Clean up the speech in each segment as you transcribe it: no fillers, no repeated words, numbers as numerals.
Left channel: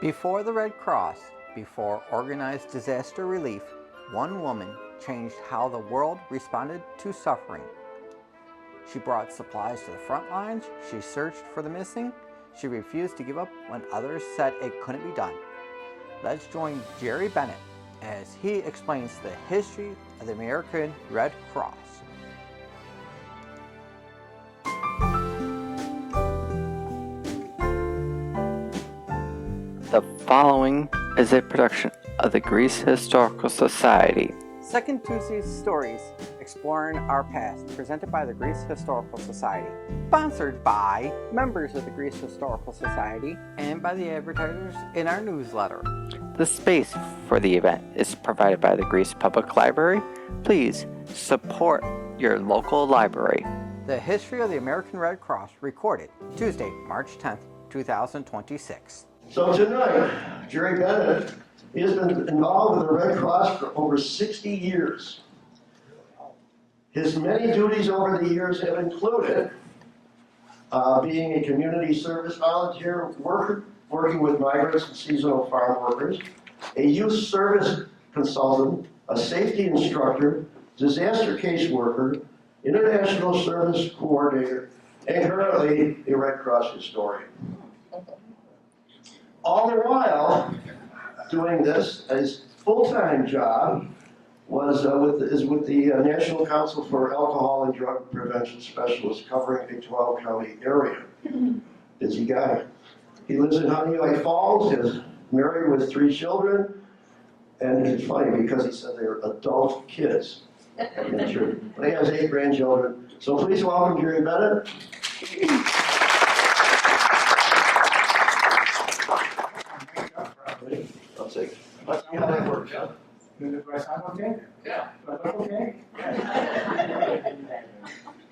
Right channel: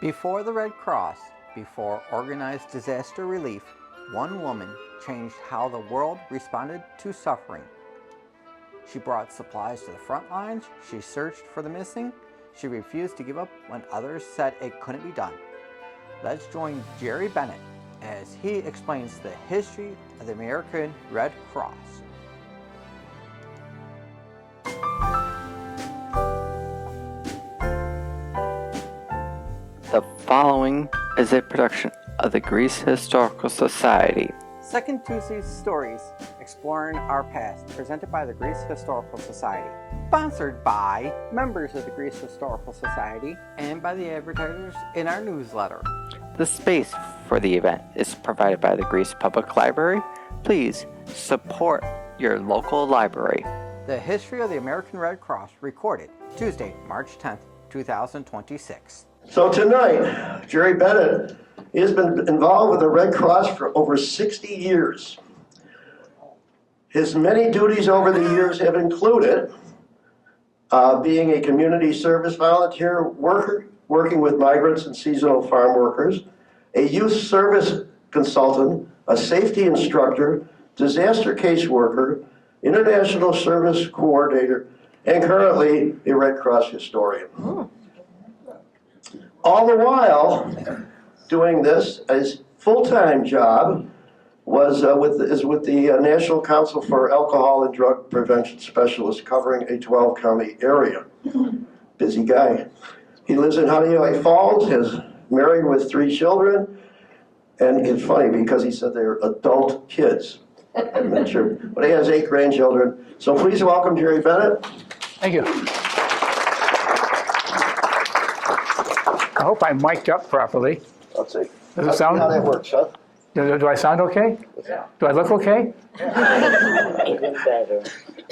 Before the Red Cross, before organized disaster relief, one woman changed how the world responded to suffering. She brought supplies to the front lines, she searched for the missing, she refused to give up when others said it couldn't be done. Let's join Jerry Benett as he explains the history of the American Red Cross. The following is a production of the Greece Historical Society. Second Tuesday's Stories, Exploring Our Past, presented by the Greece Historical Society. Sponsored by members of the Greece Historical Society and by the advertisers in our newsletter. The space for the event is provided by the Greece Public Library. Please support your local library. The history of the American Red Cross, recorded Tuesday, March 10th, 2026. So tonight, Jerry Benett, he has been involved with the Red Cross for over 60 years. His many duties over the years have included being a community service volunteer worker, working with migrants and seasonal farm workers, a youth service consultant, a safety instructor, disaster caseworker, international service coordinator, and currently a Red Cross historian. All the while doing this, his full-time job was with the National Council for Alcohol and Drug Prevention Specialists, covering a 12-county area. Busy guy. He lives in Honeywell Falls, is married with 3 children, and it's funny because he said they're adult kids. I'm not sure, but he has 8 grandchildren. So please welcome Jerry Benett. Thank you. I hope I'm mic'd up properly. Let's see. Does it sound? How that works, huh? Do I sound okay? Yeah. Do I look okay?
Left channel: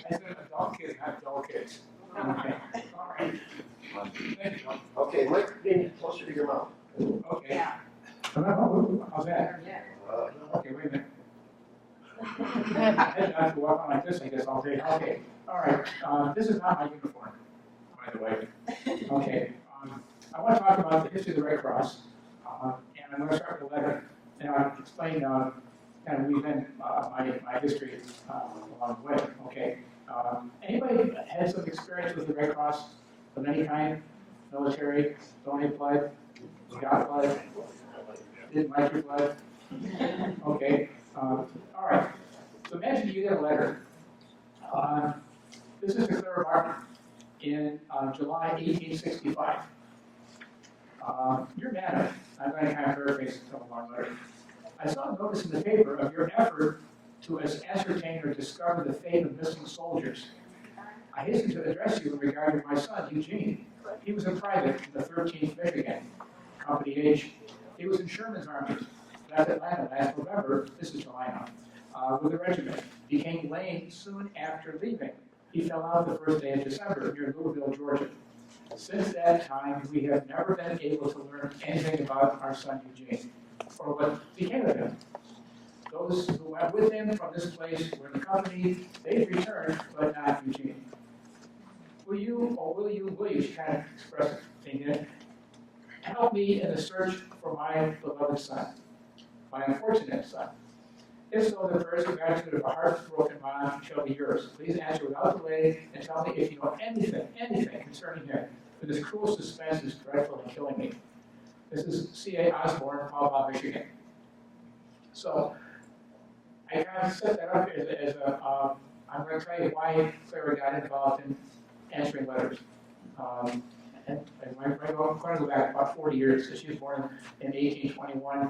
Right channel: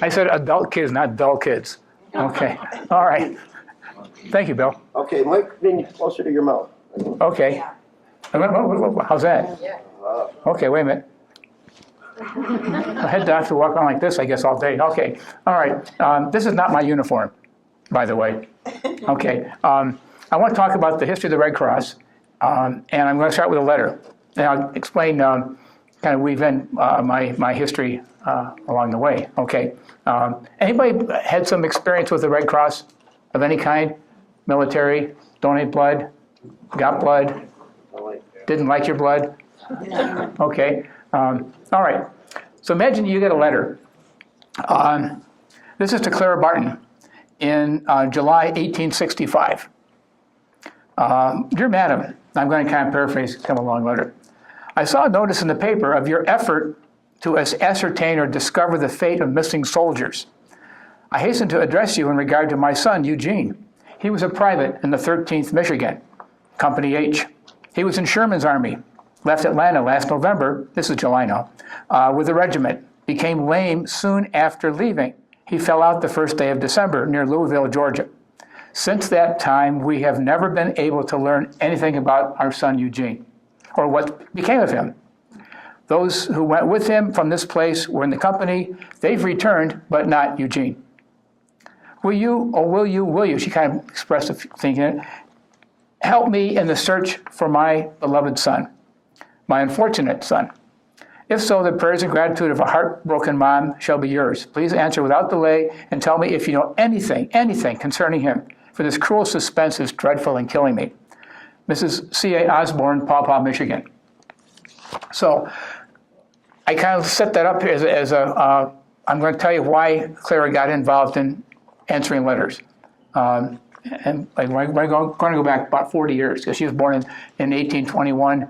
I said adult kids, not dull kids. Okay. All right. Thank you, Bill. Okay, mic being closer to your mouth. Okay. How's that? Okay, wait a minute. I had to have to walk around like this, I guess, all day. Okay. All right. This is not my uniform, by the way. Okay. I want to talk about the history of the Red Cross, and I'm going to start with a letter. And I'll explain, kind of weave in my history along the way. Okay. Anybody had some experience with the Red Cross of any kind? Military, donate blood, got blood, didn't like your blood? Okay. All right. So imagine you get a letter. This is to Clara Barton in July 1865. Dear Madam, I'm going to kind of paraphrase, come along letter. I saw a notice in the paper of your effort to ascertain or discover the fate of missing soldiers. I hasten to address you in regard to my son, Eugene. He was a private in the 13th Michigan, Company H. He was in Sherman's Army, left Atlanta last November, this is July now, with the regiment, became lame soon after leaving. He fell out the first day of December near Louisville, Georgia. Since that time, we have never been able to learn anything about our son Eugene, or what became of him. Those who went with him from this place were in the company. They've returned, but not Eugene. Will you, she kind of expressed a thinking, help me in the search for my beloved son, my unfortunate son. If so, the prayers and gratitude of a heartbroken mom shall be yours. Please answer without delay and tell me if you know anything concerning him. For this cruel suspense is dreadful and killing me. Mrs. C.A. Osborne, Paw Paw, Michigan. So I kind of set that up as I'm going to tell you why Clara got involved in answering letters. And we're going to go back about 40 years, because she was born in 1821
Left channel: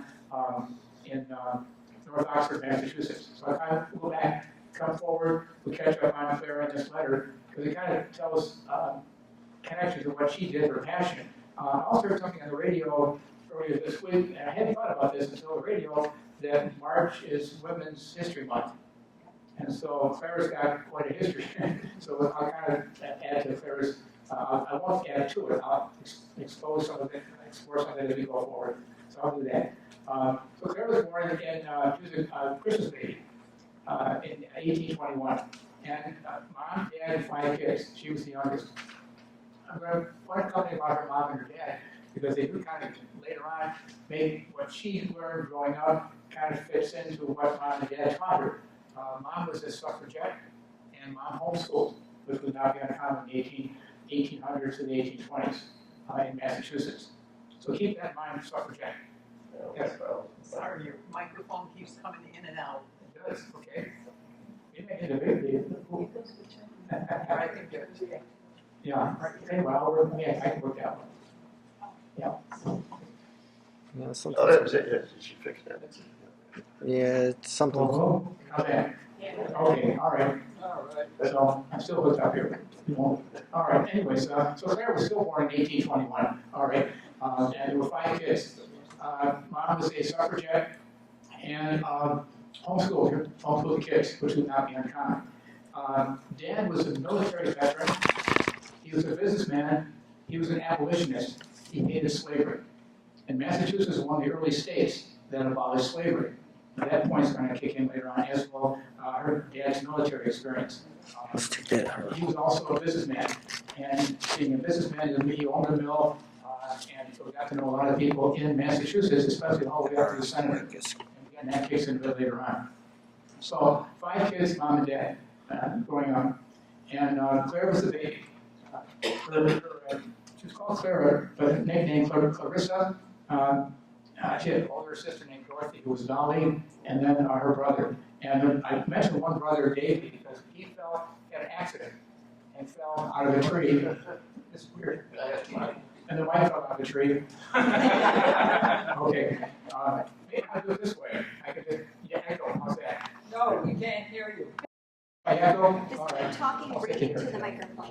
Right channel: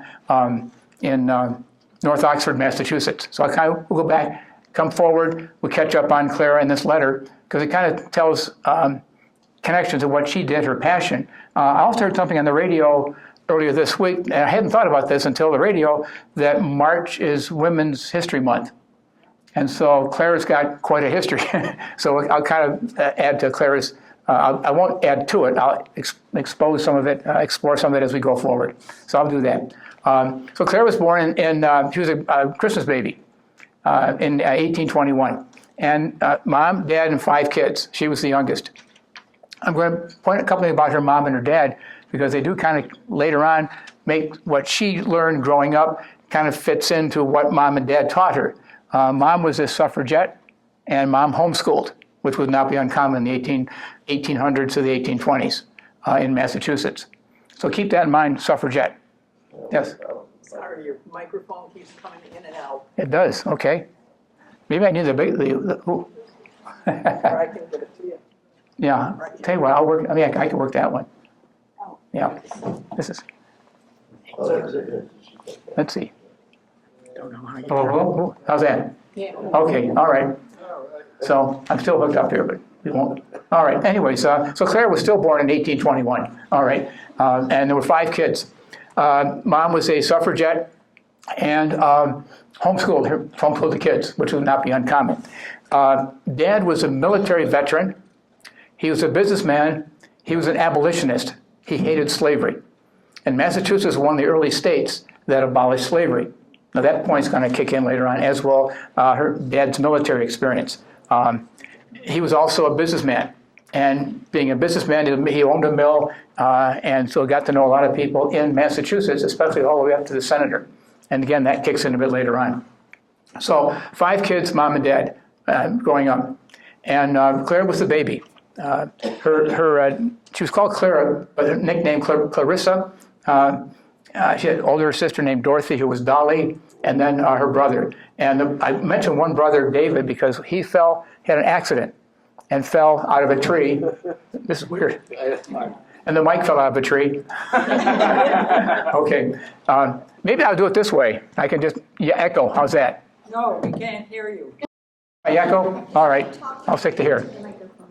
in North Oxford, Massachusetts. So I kind of will go back, come forward, we'll catch up on Clara in this letter, because it kind of tells connections of what she did, her passion. I also heard something on the radio earlier this week, and I hadn't thought about this until the radio, that March is Women's History Month. And so Clara's got quite a history. So I'll kind of add to Clara's, I won't add to it, I'll expose some of it, explore some of it as we go forward. So I'll do that. So Clara was born she was a Christmas baby in 1821. And mom, dad, and 5 kids. She was the youngest. I'm going to point a couple things about her mom and her dad because they do kind of later on make what she learned growing up kind of fits into what mom and dad taught her. Mom was a suffragette, and mom homeschooled, which would not be uncommon in the 1800s to the 1820s in Massachusetts. So keep that in mind, suffragette. Yes? Sorry, your microphone keeps coming in and out. It does, okay. Maybe I need the big, Or I can give it to you. yeah, tell you what, I'll work, I mean, I can work that one. Yeah, this is, Oh, that was it, yes, she fixed that. let's see. Yeah, Oh, something. oh, how's that? Yeah. Okay, all right. So I'm still hooked up here, but we won't. All right, anyways, so Clara was still born in 1821, all right, and there were 5 kids. Mom was a suffragette and homeschooled the kids, which would not be uncommon. Dad was a military veteran. He was a businessman. He was an abolitionist. He hated slavery. And Massachusetts was one of the early states that abolished slavery. Now that point's going to kick in later on, as well her dad's military experience. He was also a businessman, and being a businessman, he owned a mill, and so got to know a lot of people in Massachusetts, especially all the way up to the senator. And again, that kicks in a bit later on. So 5 kids, mom and dad, growing up, and Clara was the baby. She was called Clara, but her nickname Clarissa. She had an older sister named Dorothy, who was Dolly, and then her brother. And I mentioned one brother, David, because he had an accident and fell out of a tree. This is weird. And the mic fell out of a tree. Okay. Maybe I'll do it this way. I can just echo. How's that? No, we can't hear you. I echo? All right. I'll stick to here.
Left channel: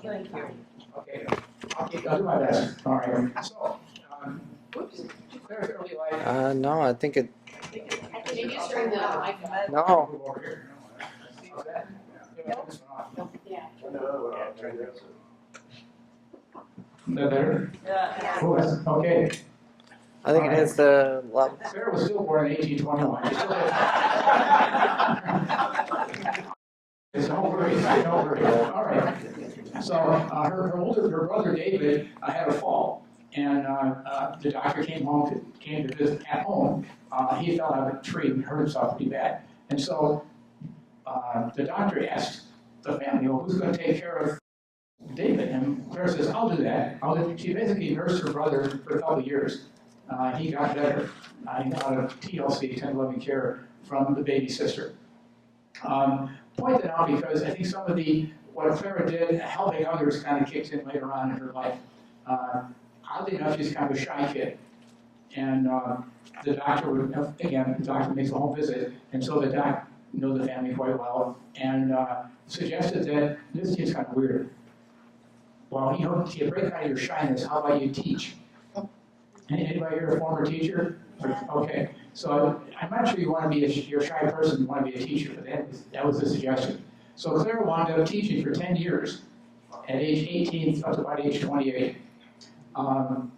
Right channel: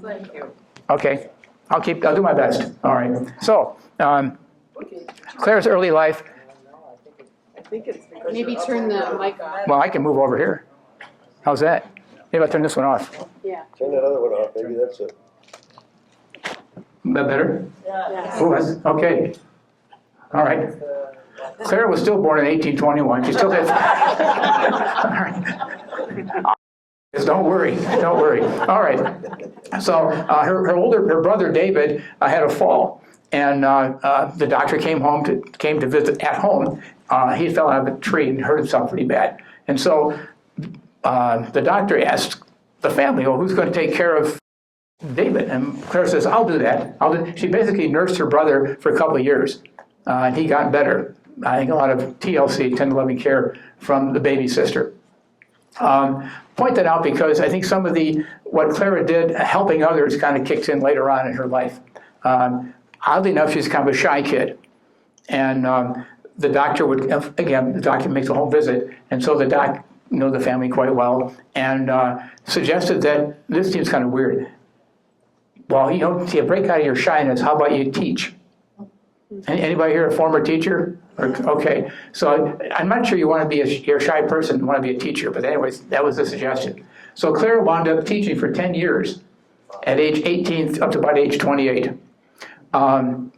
Thank you. Okay. I'll do my best. All right. So, Claire's early life. No, I think it. Maybe turn the mic off. Well, I can move over here. How's that? Maybe I'll turn this one off. Yeah. Turn that other one off, maybe that's it. Is that better? Yeah. Oh, that's, okay. I think All right. it's the. Well, Clara was still born in 1821. She still had. All right. Don't worry. Don't worry. All right. So her brother David had a fall, and the doctor came to visit at home. He fell out of a tree and hurt himself pretty bad, and so the doctor asked the family, "Well, who's going to take care of David?" And Clara says, "I'll do that." She basically nursed her brother for a couple of years. He got better. I think a lot of TLC, tender loving care, from the baby sister. Point that out because I think some of what Clara did, helping others, kind of kicks in later on in her life. Oddly enough, she's kind of a shy kid. And the doctor the doctor makes a home visit, and so the doc knows the family quite well, and suggested that this seems kind of weird. Well, to break out of your shyness, how about you teach? Anybody here a former teacher? Okay, so I'm not sure you want to be you're a shy person, you want to be a teacher, but anyways, that was the suggestion. So Clara wound up teaching for 10 years, at age 18 up to about age 28, in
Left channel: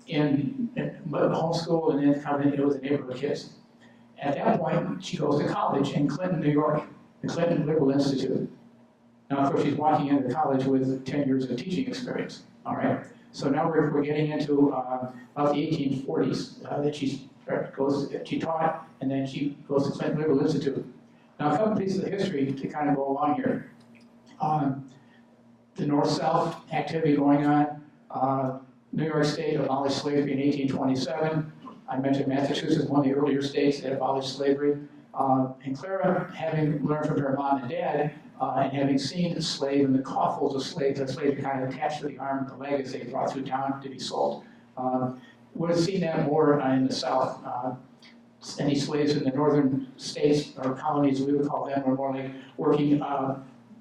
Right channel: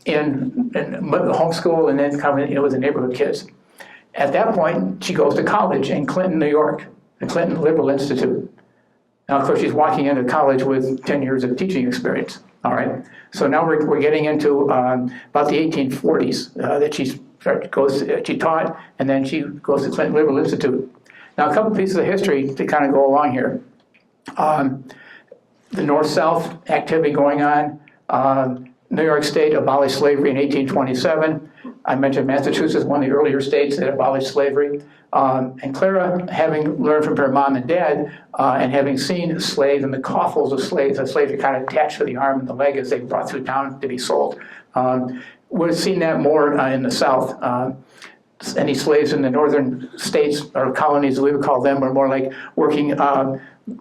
homeschool and then coming with the neighborhood kids. At that point, she goes to college in Clinton, New York, the Clinton Liberal Institute. Now, of course, she's walking into college with 10 years of teaching experience, all right? So now we're getting into about the 1840s that she taught, and then she goes to Clinton Liberal Institute. Now, a couple pieces of history to kind of go along here. The North-South activity going on. New York State abolished slavery in 1827. I mentioned Massachusetts, one of the earlier states that abolished slavery. And Clara, having learned from her mom and dad, and having seen slaves and the coffles of slaves, the slaves are kind of attached to the arm and the leg as they brought through town to be sold, would have seen that more in the South. Any slaves in the northern states, or colonies, as we would call them, were more like working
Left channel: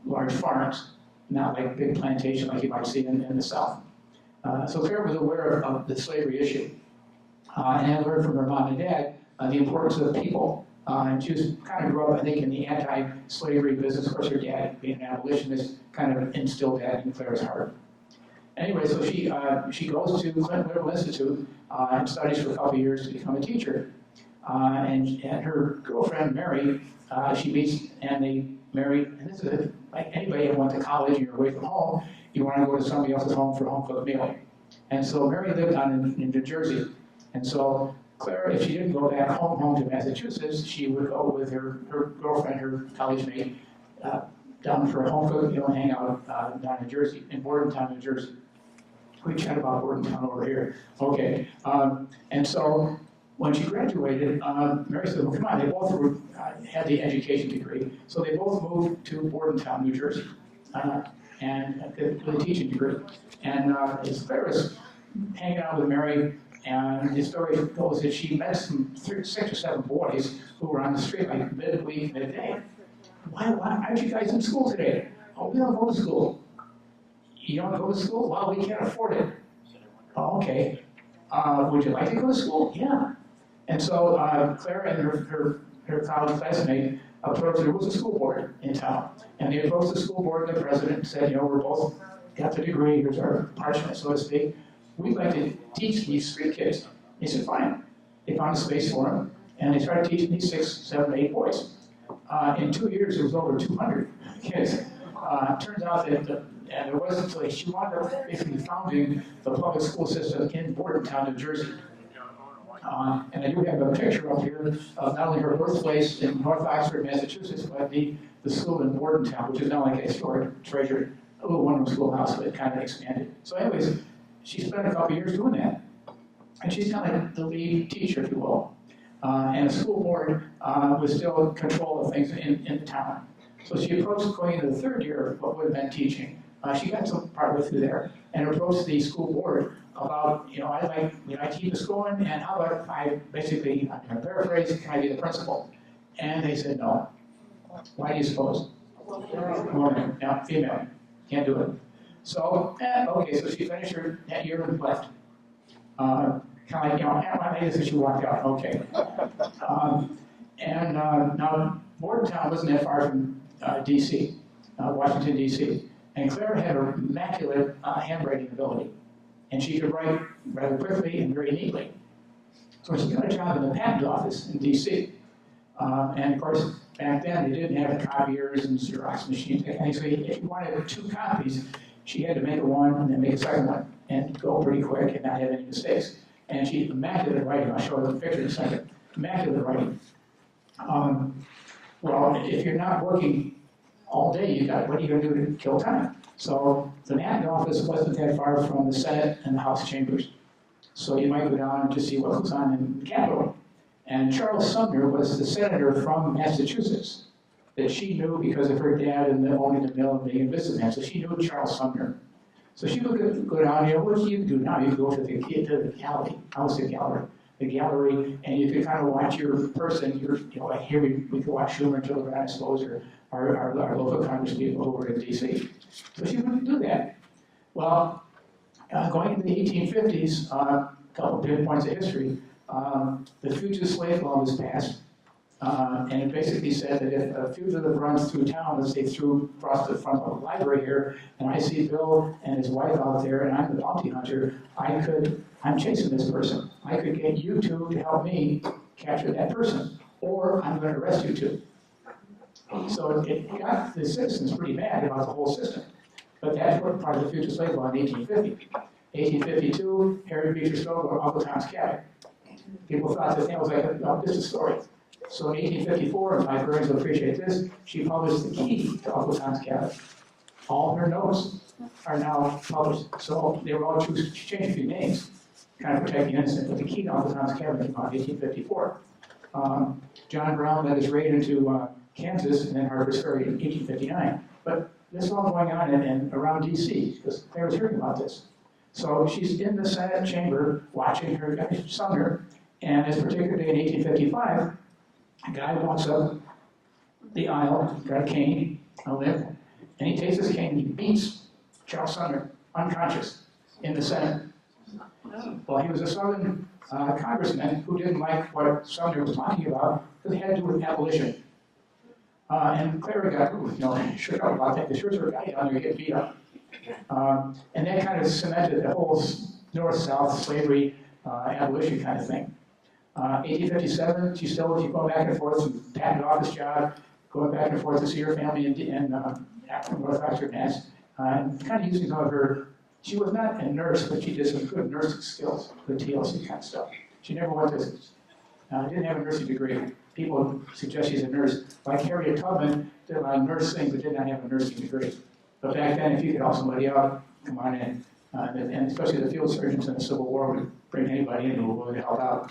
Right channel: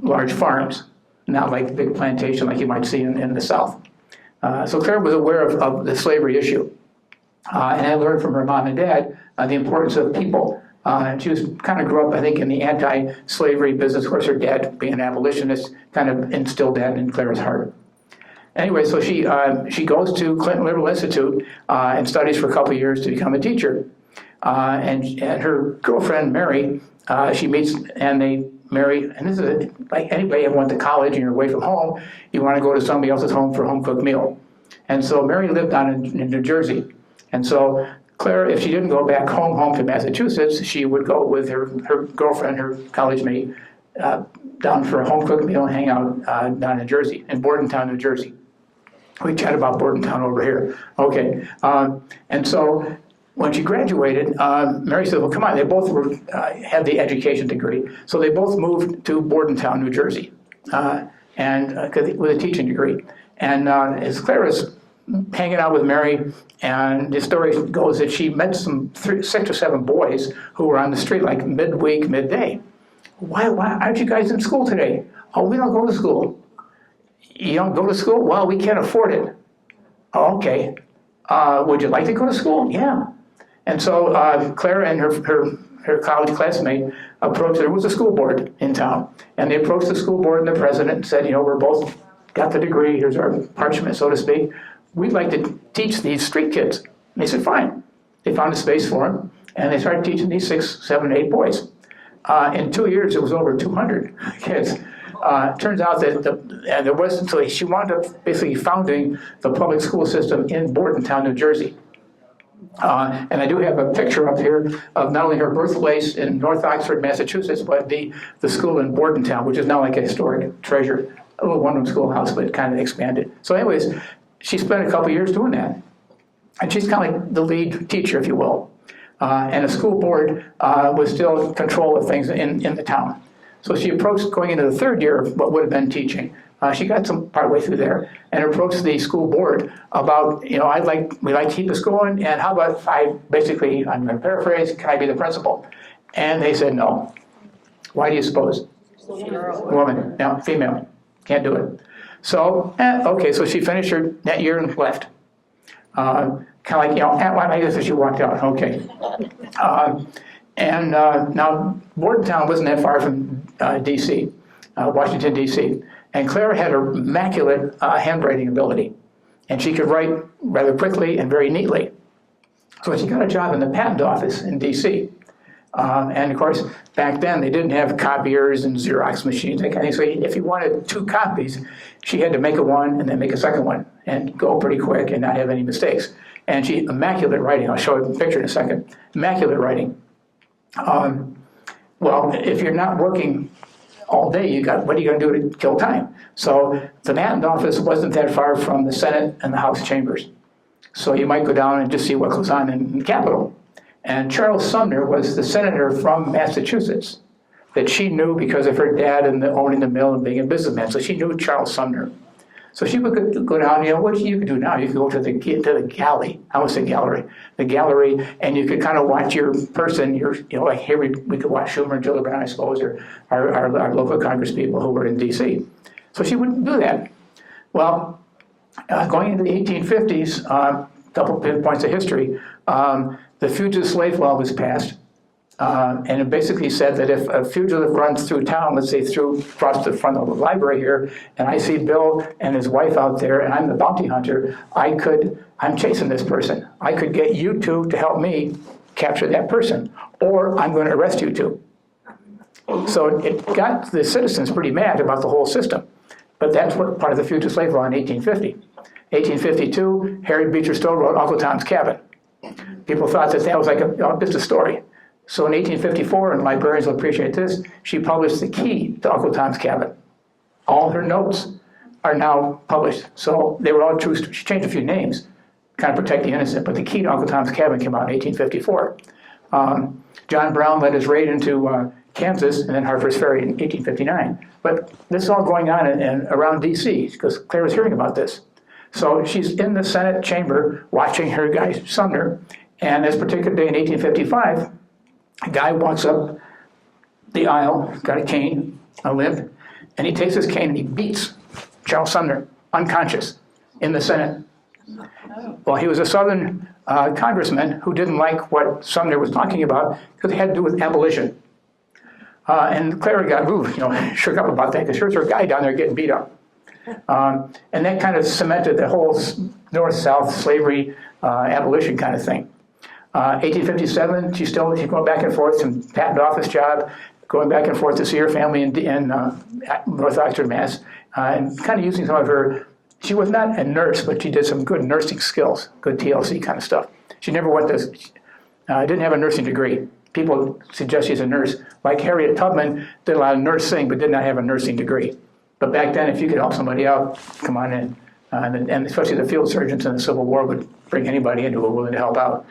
large farms, not like a big plantation like you might see in the South. So Clara was aware of the slavery issue, and had learned from her mom and dad the importance of people. She kind of grew up, I think, in the anti-slavery business. Of course, her dad, being an abolitionist, kind of instilled that in Clara's heart. Anyway, so she goes to Clinton Liberal Institute and studies for a couple of years to become a teacher. And her girlfriend, Mary, she meets and they marry. And this is like anybody who went to college and you're away from home, you want to go to somebody else's home for a home-cooked meal. And so Mary lived down in New Jersey. And so Clara, if she didn't go back home to Massachusetts, she would go with her girlfriend, her college mate, down for a home cooked meal and hang out down in Jersey, in Bordentown, New Jersey. We chat about Bordentown over here. Okay, and so when she graduated, Mary said, well, come on, they both had the education degree. So they both moved to Bordentown, New Jersey, and with a teaching degree. And as Clara's hanging out with Mary, and the story goes that she met some 6 or 7 boys who were on the street like midweek, midday. Why aren't you guys in school today? Oh, we don't go to school. You don't go to school? Well, we can't afford it. Oh, okay. Would you like to go to school? Yeah. And so Clara and her college classmate approached, there was a school board in town, and they approached the school board and the president and said, you know, we're both got the degree, here's our parchment, so to speak. We'd like to teach these street kids. And they said, fine. They found a space for them, and they started teaching these 6, 7, 8 boys. In 2 years, it was over 200 kids. Turns out that there wasn't, so she wound up basically founding the public school system in Bordentown, New Jersey. And I do have a picture up here of not only her birthplace in North Oxford, Massachusetts, but the school in Bordentown, which is now like a historic treasure, a little one-room schoolhouse, but kind of expanded. So anyways, she spent a couple years doing that. And she's kind of like the lead teacher, if you will. And the school board was still in control of things in the town. So she approached going into the 3rd year of what would have been teaching. She got some partway through there and approached the school board about, you know, we'd like to keep this going, and how about if I'm going to paraphrase, can I be the principal? And they said no. Why do you suppose? Woman, no, female, can't do it. So, okay, so she finished that year and left. Kind of like, you know, I guess she walked out, okay. Now, Bordentown wasn't that far from D.C., Washington, D.C., and Clara had an immaculate handwriting ability, and she could write rather quickly and very neatly. So she got a job in the patent office in D.C., and of course, back then, they didn't have copiers and Xerox machines, that kind of thing. So if you wanted 2 copies, she had to make one and then make a second one and go pretty quick and not have any mistakes. And she, immaculate writing, I'll show you the picture in a second, immaculate writing. Well, if you're not working all day, what are you going to do to kill time? So the patent office wasn't that far from the Senate and the House chambers. So you might go down and just see what goes on in the Capitol. And Charles Sumner was the senator from Massachusetts that she knew because of her dad and owning the mill and being a businessman. So she knew Charles Sumner. So she would go down, you know, what you could do now, you could go to the galley, I almost said gallery, the gallery, and you could kind of watch your person, you know, like here we could watch Schumer and Gillibrand, I suppose, or our local Congress people who were in D.C. So she wouldn't do that. Well, going into the 1850s, couple points of history, the Fugitive Slave Law was passed. And it basically said that if a fugitive runs through town, let's say across the front of the library here, and I see Bill and his wife out there, and I'm the bounty hunter, I'm chasing this person. I could get you two to help me capture that person, or I'm going to arrest you two. So it got the citizens pretty mad about the whole system. But that's what part of the Fugitive Slave Law in 1850. 1852, Harriet Beecher Stowe wrote Uncle Tom's Cabin. People thought that was like just a story. So in 1854, and librarians will appreciate this, she published the key to Uncle Tom's Cabin. All her notes are now published. So they were all true. She changed a few names, kind of protect the innocent, but the key to Uncle Tom's Cabin came out in 1854. John Brown led his raid into Kansas and then Harper's Ferry in 1859. But this is all going on around D.C. because Clara's hearing about this. So she's in the Senate chamber watching her guy, Sumner, and this particular day in 1855, a guy walks up the aisle, got a cane, a limp, and he takes his cane and he beats Charles Sumner, unconscious, in the Senate. Well, he was a Southern congressman who didn't like what Sumner was talking about because it had to do with abolition. And Clara got, shook up about that because here's her guy down there getting beat up. And that kind of cemented the whole North-South slavery abolition kind of thing. 1857, she's going back and forth from patent office job, going back and forth to see her family in North Oxford, Mass, and kind of using some of her, she was not a nurse, but she did some good nursing skills, good TLC kind of stuff. She never went to, didn't have a nursing degree. People suggest she's a nurse. Like Harriet Tubman did a lot of nursing, but did not have a nursing degree. But back then, if you could help somebody out, come on in. And especially the field surgeons in the Civil War would bring anybody in who were willing to help out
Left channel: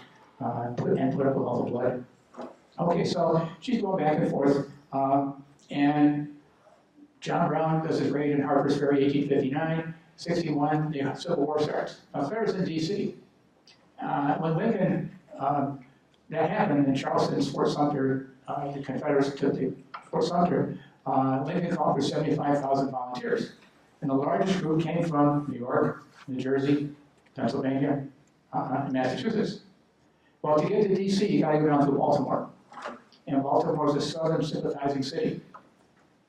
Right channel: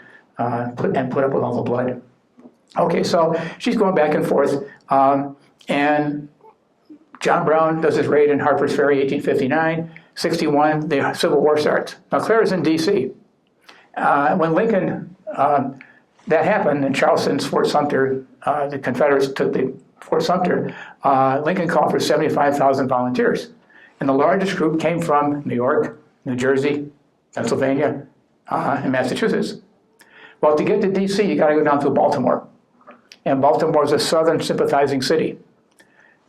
put up with all the blood. Okay, so she's going back and forth. And John Brown does his raid in Harper's Ferry, 1859. 61, the Civil War starts. Now, Clara's in D.C. When Lincoln, that happened in Charleston's Fort Sumter, the Confederates took the Fort Sumter, Lincoln called for 75,000 volunteers. And the largest group came from New York, New Jersey, Pennsylvania, and Massachusetts. Well, to get to D.C., you got to go down to Baltimore. And Baltimore is a southern sympathizing city.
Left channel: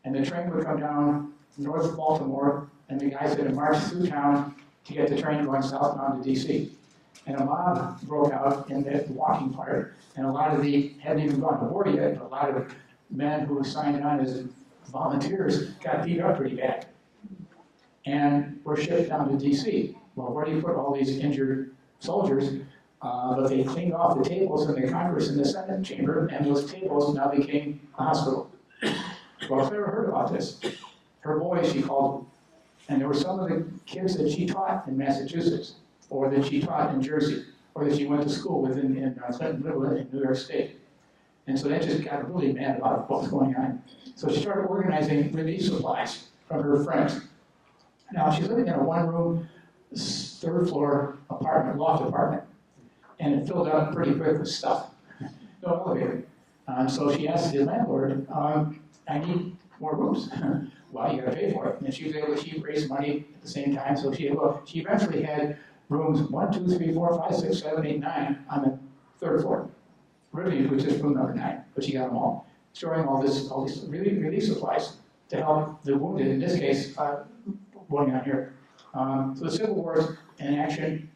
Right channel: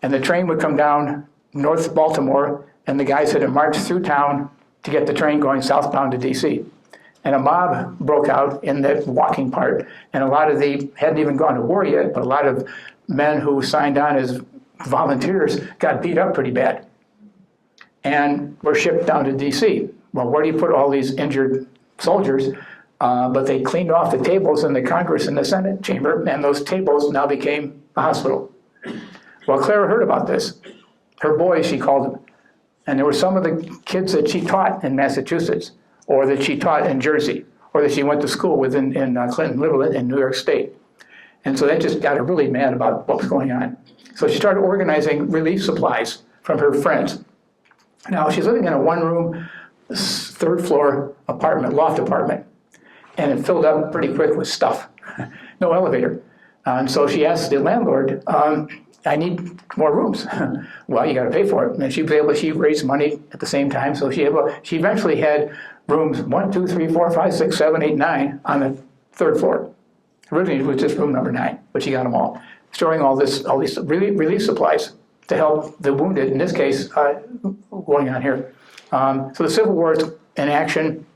And the train would come down North Baltimore, and the guys had to march through town to get the train going southbound to D.C. And a mob broke out in the walking part. And a lot of hadn't even gone to war yet, but a lot of men who signed on as volunteers got beat up pretty bad and were shipped down to D.C. Well, where do you put all these injured soldiers? But they cleaned off the tables in the Congress and the Senate chamber, and those tables now became a hospital. Well, Clara heard about this. Her boys, she called them. And there were some of the kids that she taught in Massachusetts, or that she taught in Jersey, or that she went to school with in Clinton, Little in New York State. And so that just got her really mad about what was going on. So she started organizing relief supplies from her friends. Now, she's living in a one-room, third floor apartment, loft apartment, and it filled up pretty quick with stuff. No elevator. And so she asked the landlord, I need more rooms. Well, you got to pay for it. And she raised money at the same time, so she eventually had rooms 1, 2, 3, 4, 5, 6, 7, 8, 9 on the third floor. Originally, it was just room number 9, but she got them all, storing all these relief supplies to help the wounded, in this case, going on here. So the Civil War is in action,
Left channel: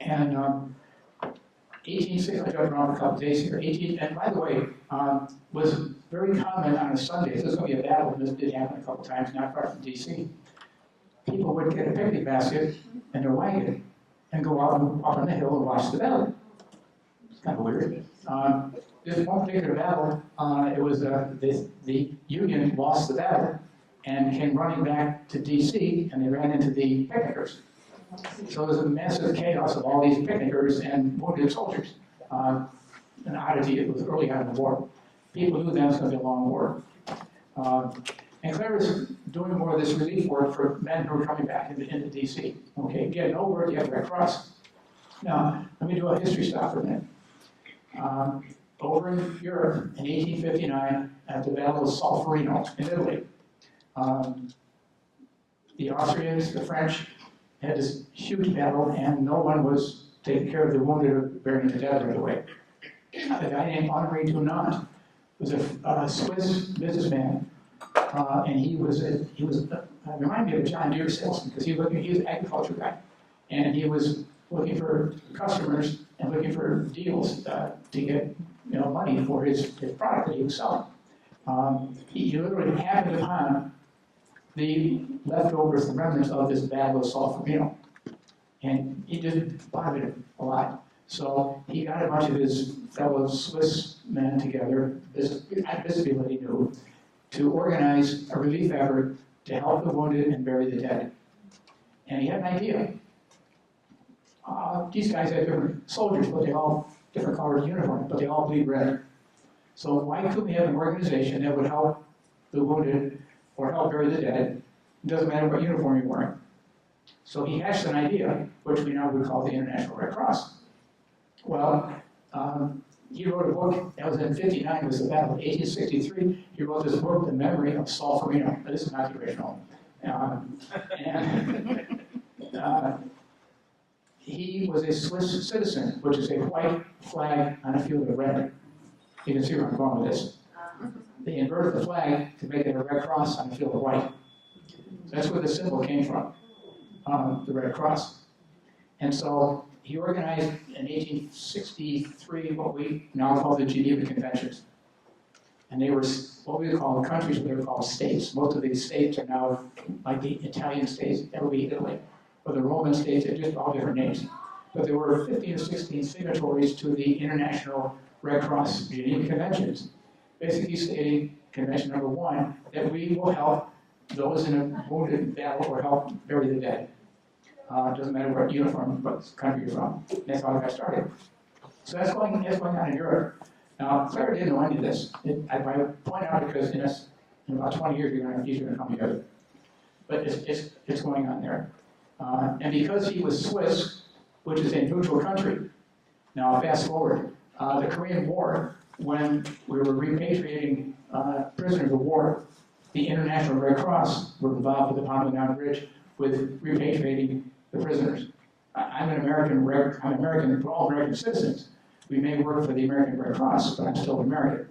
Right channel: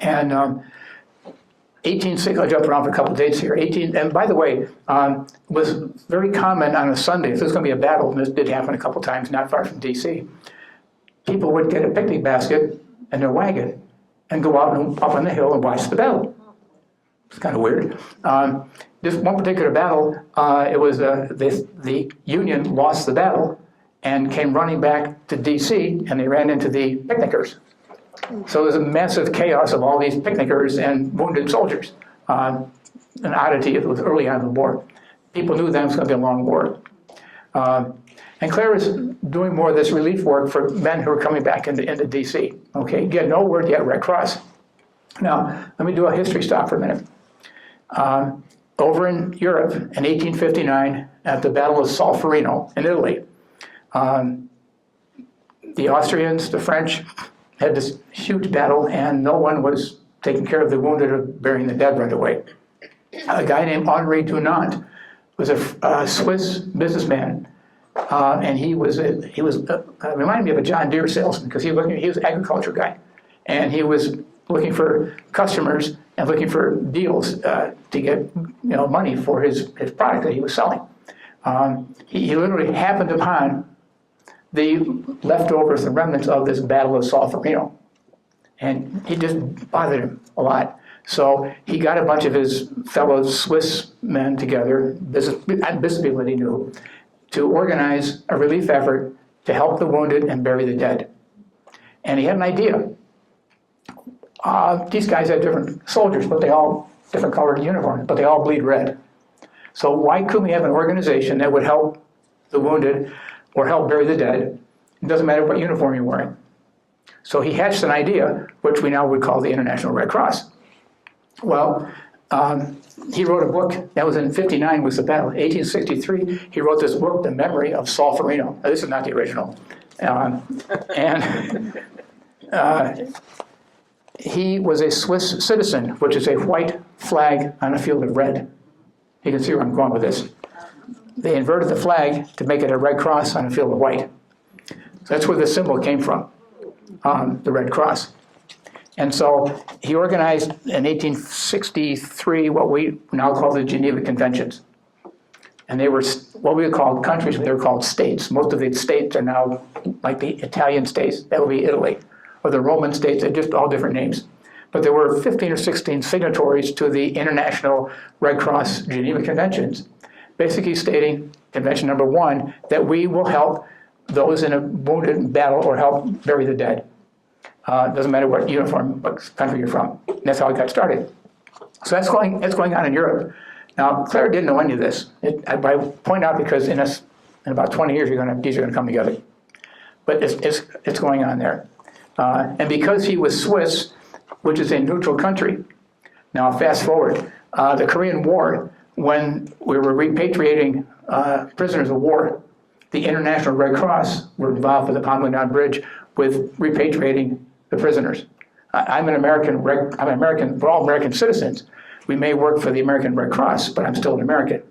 and 1860, I'll jump around for a couple of dates here. And by the way, was very common on a Sunday, if there's going to be a battle, and this did happen a couple of times not far from D.C., people would get a picnic basket and their wagon and go out and up on the hill and watch the battle. It's kind of weird. This one particular battle, it was the Union lost the battle and came running back to D.C., and they ran into the picnickers. So there's a massive chaos of all these picnickers and wounded soldiers. An oddity, it was early on in the war. People knew that it was going to be a long war. And Clara's doing more of this relief work for men who are coming back into D.C. Okay, again, no word yet, Red Cross. Now, let me do a history stop for a minute. Over in Europe in 1859, at the Battle of Solferino in Italy, the Austrians, the French, had this huge battle, and no one was taking care of the wounded or burying the dead right away. A guy named Henri Dunant was a Swiss businessman, and he was reminded me of a John Deere salesman, because he was an agriculture guy, and he was looking for customers and looking for deals to get money for his product that he was selling. He literally happened upon the leftovers, the remnants of this Battle of Solferino. And it just bothered him a lot. So he got a bunch of his fellow Swiss men together, business people that he knew, to organize a relief effort to help the wounded and bury the dead. And he had an idea. These guys had different soldiers, but they all different colored uniforms, but they all bleed red. So why couldn't we have an organization that would help the wounded or help bury the dead? It doesn't matter what uniform you're wearing. So he hatched an idea, which we now would call the International Red Cross. Well, he wrote a book, that was in 59 was the battle. 1863, he wrote this book, The Memory of Solferino. Now, this is not the original. He was a Swiss citizen, which is a white flag on a field of red. You can see where I'm going with this. They inverted the flag to make it a red cross on a field of white. So that's where the symbol came from, the Red Cross. And so he organized in 1863 what we now call the Geneva Conventions. And they were what we would call countries, they were called states. Most of the states are now like the Italian states, that would be Italy, or the Roman states, they're just all different names. but there were 15 or 16 signatories to the International Red Cross Geneva Conventions, basically stating, Convention number 1, that we will help those in a wounded battle or help bury the dead. Doesn't matter what uniform, what country you're from. And that's how it got started. So that's going on in Europe. Now, Clara didn't know any of this. I point out because in about 20 years, these are going to come together. But it's going on there. And because he was Swiss, which is a neutral country, now fast forward, the Korean War, when we were repatriating prisoners of war, the International Red Cross were involved with the Bordentown Bridge with repatriating the prisoners. I'm an American, we're all American citizens. We may work for the American Red Cross, but I'm still an American.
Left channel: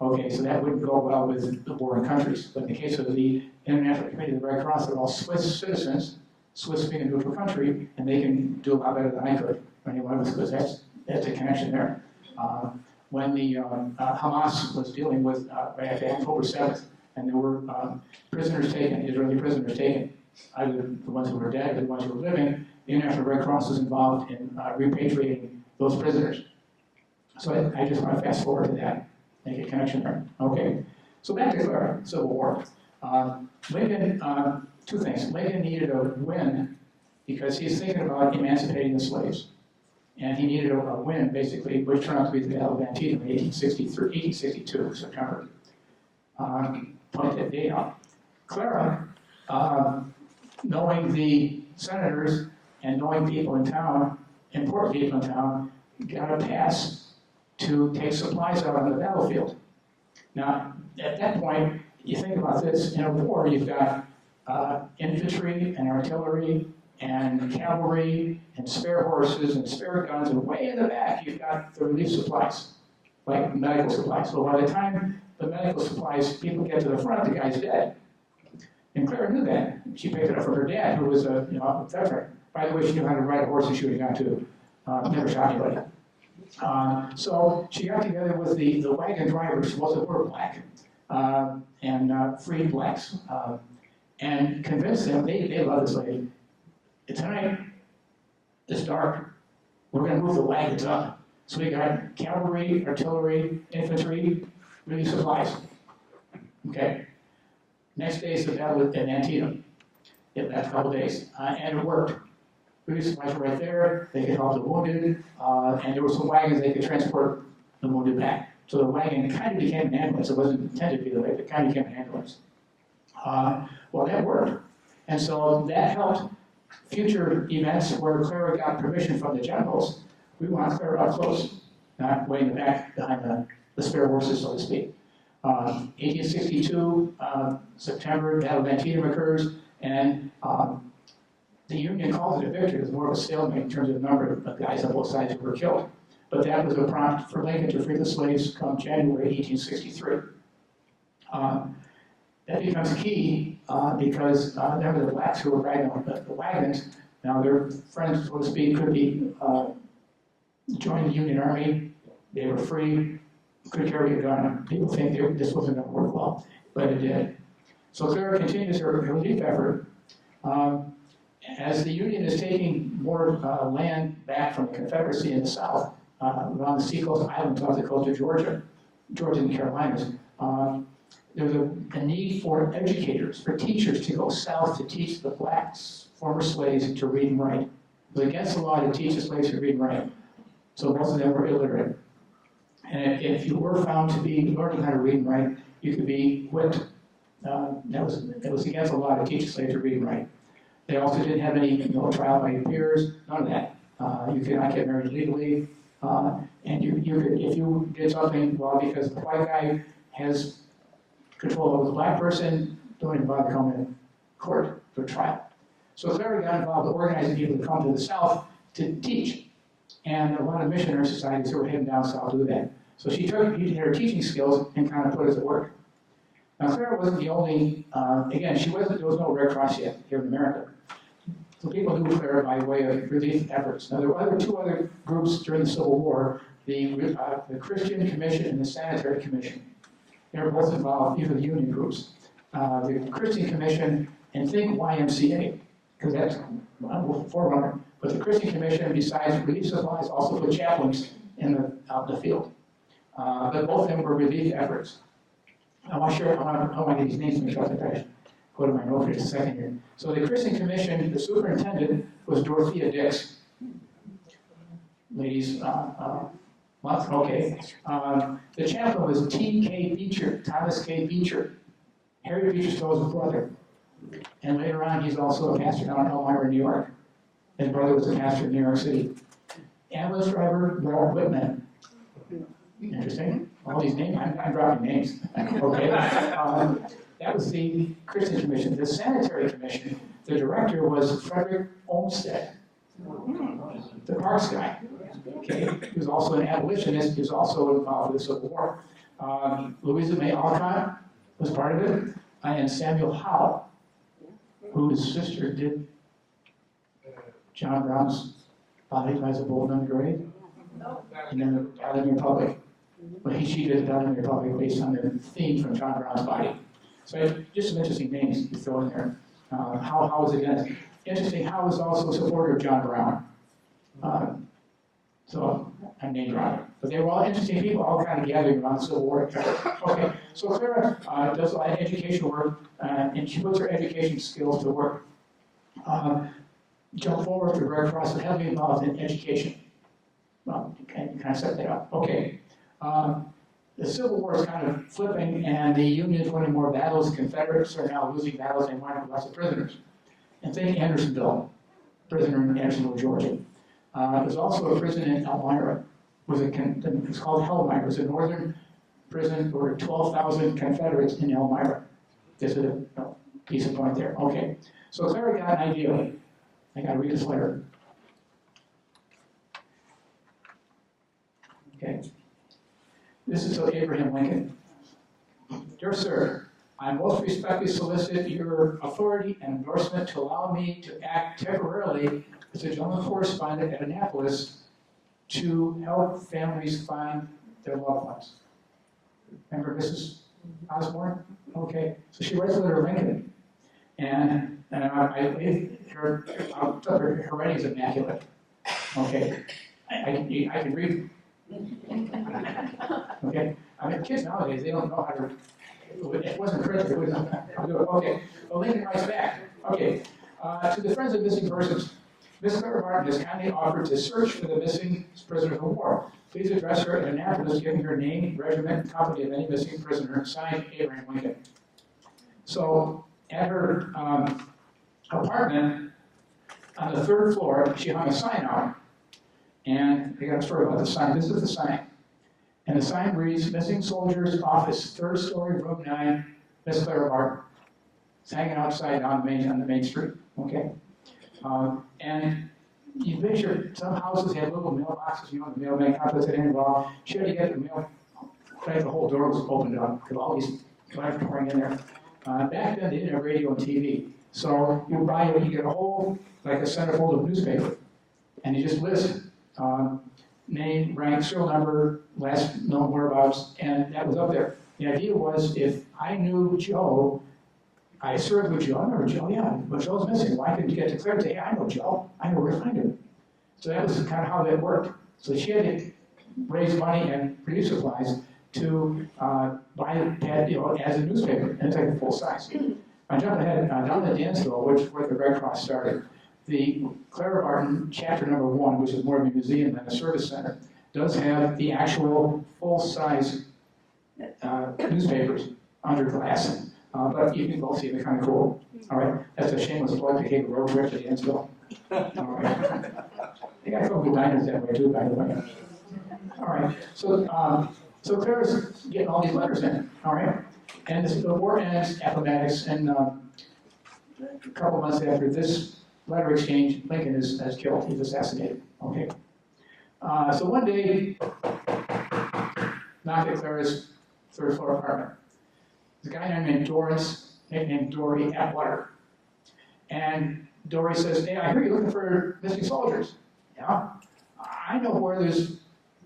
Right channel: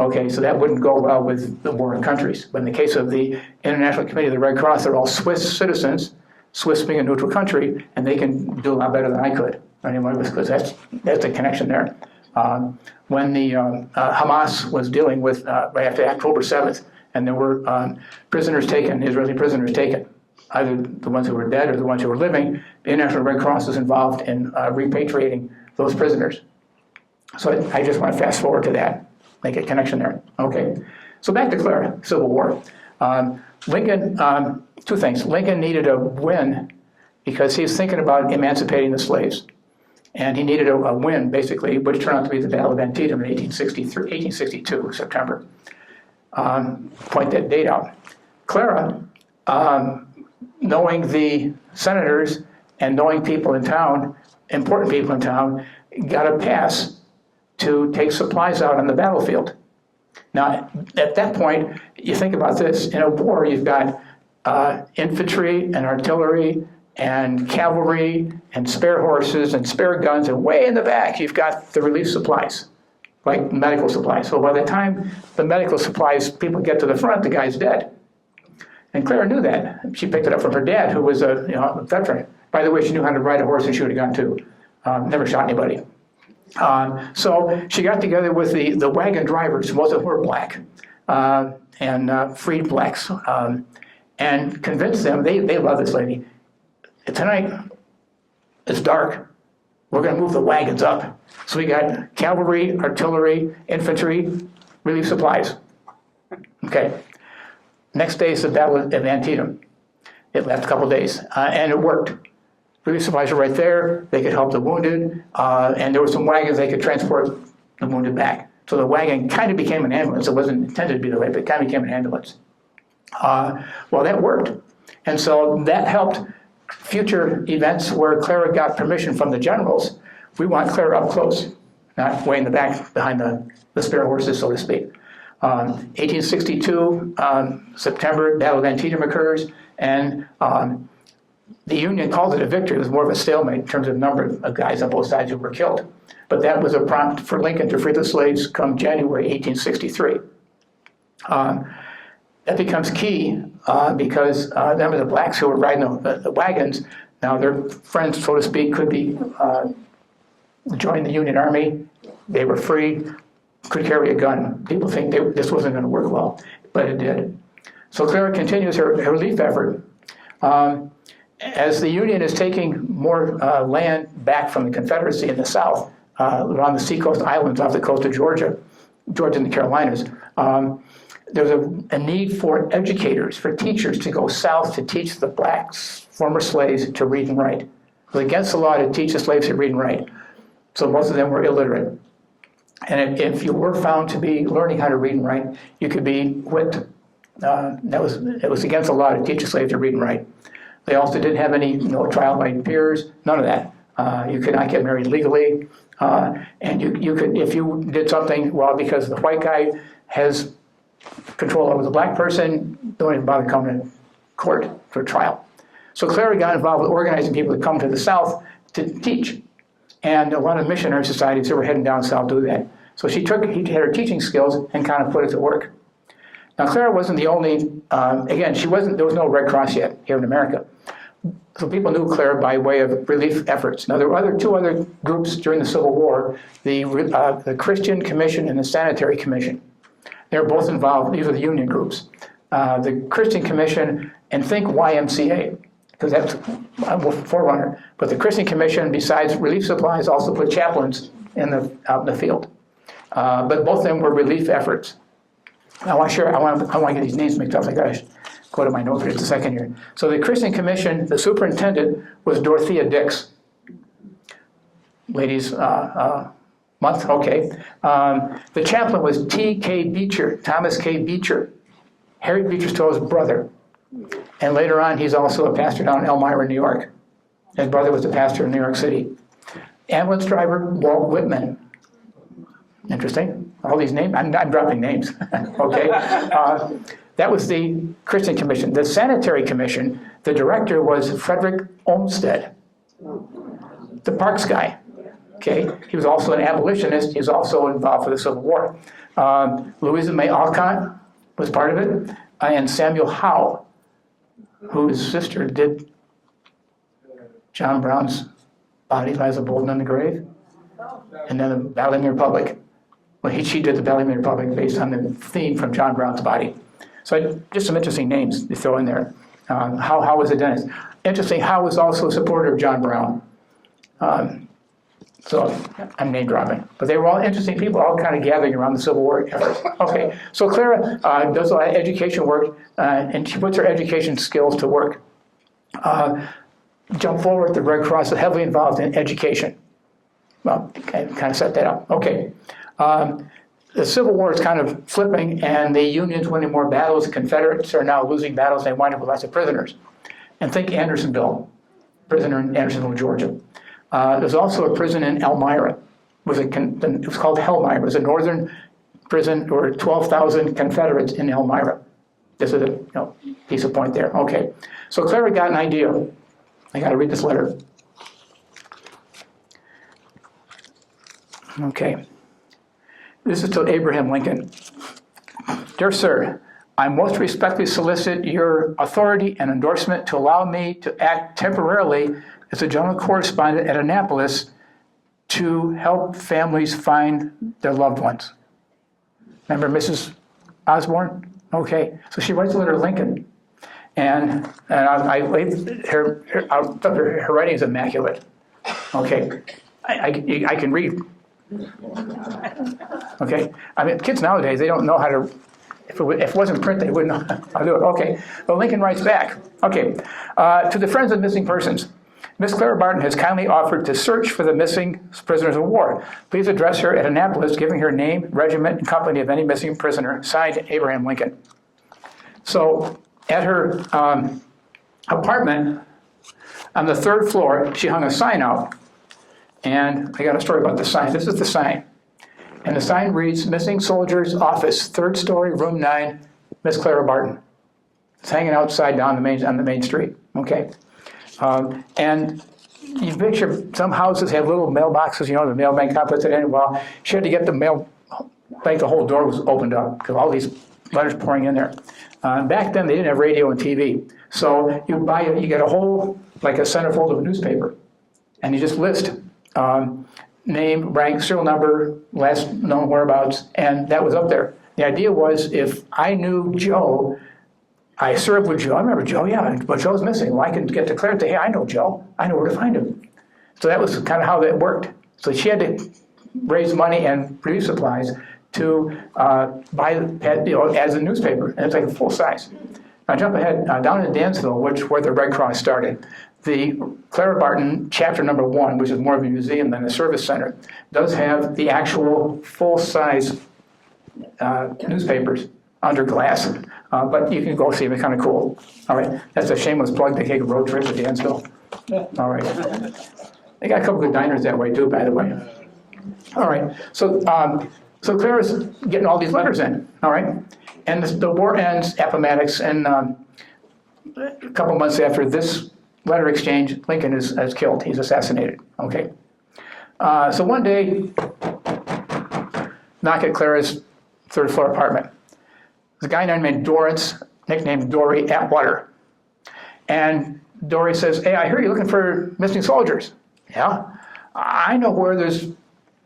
Okay, so that wouldn't go well with the warring countries. But in the case of the International Committee of the Red Cross, they're all Swiss citizens, Swiss being a neutral country, and they can do a lot better than I could. Anyway, because that's the connection there. When the Hamas was dealing with, right after October 7th, and there were prisoners taken, Israeli prisoners taken, either the ones who were dead or the ones who were living, the International Red Cross was involved in repatriating those prisoners. So I just want to fast forward to that, make a connection there. Okay, so back to Clara, Civil War. Lincoln, two things. Lincoln needed a win because he was thinking about emancipating the slaves. And he needed a win, basically, which turned out to be the Battle of Antietam in 1862, September. Point that date out. Clara, knowing the senators and knowing people in town, important people in town, got a pass to take supplies out on the battlefield. Now, at that point, you think about this, in a war, you've got infantry and artillery and cavalry and spare horses and spare guns, and way in the back, you've got the relief supplies, like medical supplies. So by the time the medical supplies people get to the front, the guy's dead. And Clara knew that. She picked it up from her dad, who was a veteran. By the way, she knew how to ride a horse and shoot a gun too. Never shot anybody. So she got together with the wagon drivers, most of them were black, and freed blacks, and convinced them, they love this lady. Tonight, it's dark. We're going to move the wagons up. So we got cavalry, artillery, infantry, relief supplies. Okay. Next day is the Battle of Antietam. It left a couple days, and it worked. Relief supplies were right there. They could help the wounded, and there were some wagons they could transport the wounded back. So the wagon kind of became an ambulance. It wasn't intended to be the way, but it kind of became an ambulance. Well, that worked. And so that helped future events where Clara got permission from the generals. We want Clara up close, not way in the back behind the spare horses, so to speak. 1862, September, Battle of Antietam occurs, and the Union called it a victory. It was more of a stalemate in terms of number of guys on both sides who were killed. But that was a prompt for Lincoln to free the slaves come January 1863. That becomes key because them of the blacks who were riding the wagons, now their friends, so to speak, could be joined the Union Army. They were free, could carry a gun. People think this wasn't going to work well, but it did. So Clara continues her relief effort. As the Union is taking more land back from the Confederacy in the South, around the seacoast islands off the coast of Georgia and the Carolinas, there's a need for educators, for teachers to go south to teach the blacks, former slaves, to read and write. It was against the law to teach the slaves to read and write. So most of them were illiterate. And if you were found to be learning how to read and write, you could be whipped. It was against the law to teach a slave to read and write. They also didn't have any trial by peers, none of that. You could not get married legally. And you could, if you did something, well, because the white guy has control over the black person, don't even bother coming to court for trial. So Clara got involved with organizing people to come to the South to teach. And a lot of missionary societies that were heading down south do that. So he had her teaching skills and kind of put it to work. Now Clara wasn't the only, again, there was no Red Cross yet here in America. So people knew Clara by way of relief efforts. Now there were two other groups during the Civil War, the Christian Commission and the Sanitary Commission. They were both involved, these are the union groups. The Christian Commission, and think YMCA, because that's a forerunner. But the Christian Commission, besides relief supplies, also put chaplains out in the field. But both of them were relief efforts. I want to get these names mixed up. I got to go to my notes for just a second here. So the Christian Commission, the superintendent was Dorothea Dix. Ladies, month, okay. The chaplain was T.K. Beecher, Thomas K. Beecher. Harry Beecher Stowe's brother. And later on, he's also a pastor down in Elmira, New York. His brother was a pastor in New York City. Ambulance driver, Walt Whitman. Interesting. All these names, I'm dropping names, okay? That was the Christian Commission. The Sanitary Commission, the director was Fredrick Olmsted, the Parks guy, okay? He was also an abolitionist. He was also involved with the Civil War. Louisa May Alcott was part of it, and Samuel Howe, whose sister did John Brown's Body Lies a Bulletin in the Grave, and then the Battle of the Republic. Well, she did the Battle of the Republic based on the theme from John Brown's body. So just some interesting names to throw in there. Howe was a dentist. Interesting, Howe was also a supporter of John Brown. So I'm name dropping. But they were all interesting people, all kind of gathering around the Civil War. Okay, so Clara does a lot of education work, and she puts her education skills to work. Jump forward, the Red Cross is heavily involved in education. Well, kind of set that up. Okay. The Civil War is kind of flipping, and the Unions winning more battles. The Confederates are now losing battles. They wind up with lots of prisoners. And think Andersonville, prisoner in Andersonville, Georgia. There's also a prison in Elmira. It was called Helmira. It was a northern prison. There were 12,000 Confederates in Elmira. This is a piece of point there. Okay. So Clara got an idea. I got to read this letter. Okay. This is to Abraham Lincoln. Dear Sir, I most respectfully solicit your authority and endorsement to allow me to act temporarily as a general correspondent at Annapolis to help families find their loved ones. Remember Mrs. Osborne? Okay, so she writes a letter to Lincoln. And her writing is immaculate. Okay, I can read. Okay, I mean, kids nowadays, they don't know how to, if it wasn't print, they wouldn't know how to do it. Okay, well, Lincoln writes back. Okay, to the friends of missing persons, Miss Clara Barton has kindly offered to search for the missing prisoners of war. Please address her at Annapolis, giving her name, regiment, and company of any missing prisoner, signed Abraham Lincoln. So at her apartment on the 3rd floor, she hung a sign out. And I got a story about the sign. This is the sign. And the sign reads, Missing Soldiers Office, 3rd story, room 9, Miss Clara Barton. It's hanging outside on the main street, okay? And you picture some houses have little mailboxes, the mailman kind of puts it in. Well, she had to get the mail, like the whole door was opened up because all these letters pouring in there. Back then, they didn't have radio and TV. So you get a whole, like a centerfold of newspaper, and you just list name, rank, serial number, last known whereabouts, and that was up there. The idea was if I knew Joe, I served with Joe. I remember Joe, yeah, but Joe's missing. Well, I can get declared to, hey, I know Joe. I know where to find him. So that was kind of how that worked. So she had to raise money and produce supplies to buy as a newspaper, and it's like full size. Now jump ahead, down in Dansville, where the Red Cross started, the Clara Barton chapter number 1, which is more of a museum than a service center, does have the actual full-size newspapers under glass, but you can go see them, they're kind of cool. All right, that's a shameless plug to take a road trip to Dansville. All right, they got a couple good diners that way too, by the way. All right, so Clara's getting all these letters in, all right? And the war ends, Appomattox, and a couple months after this letter exchange, Lincoln is killed. He's assassinated, okay? So one day, knock at Clara's 3rd floor apartment. There's a guy named Dorrance, nicknamed Dory Atwater. And Dory says, hey, I hear you're looking for missing soldiers. Yeah, I know where there's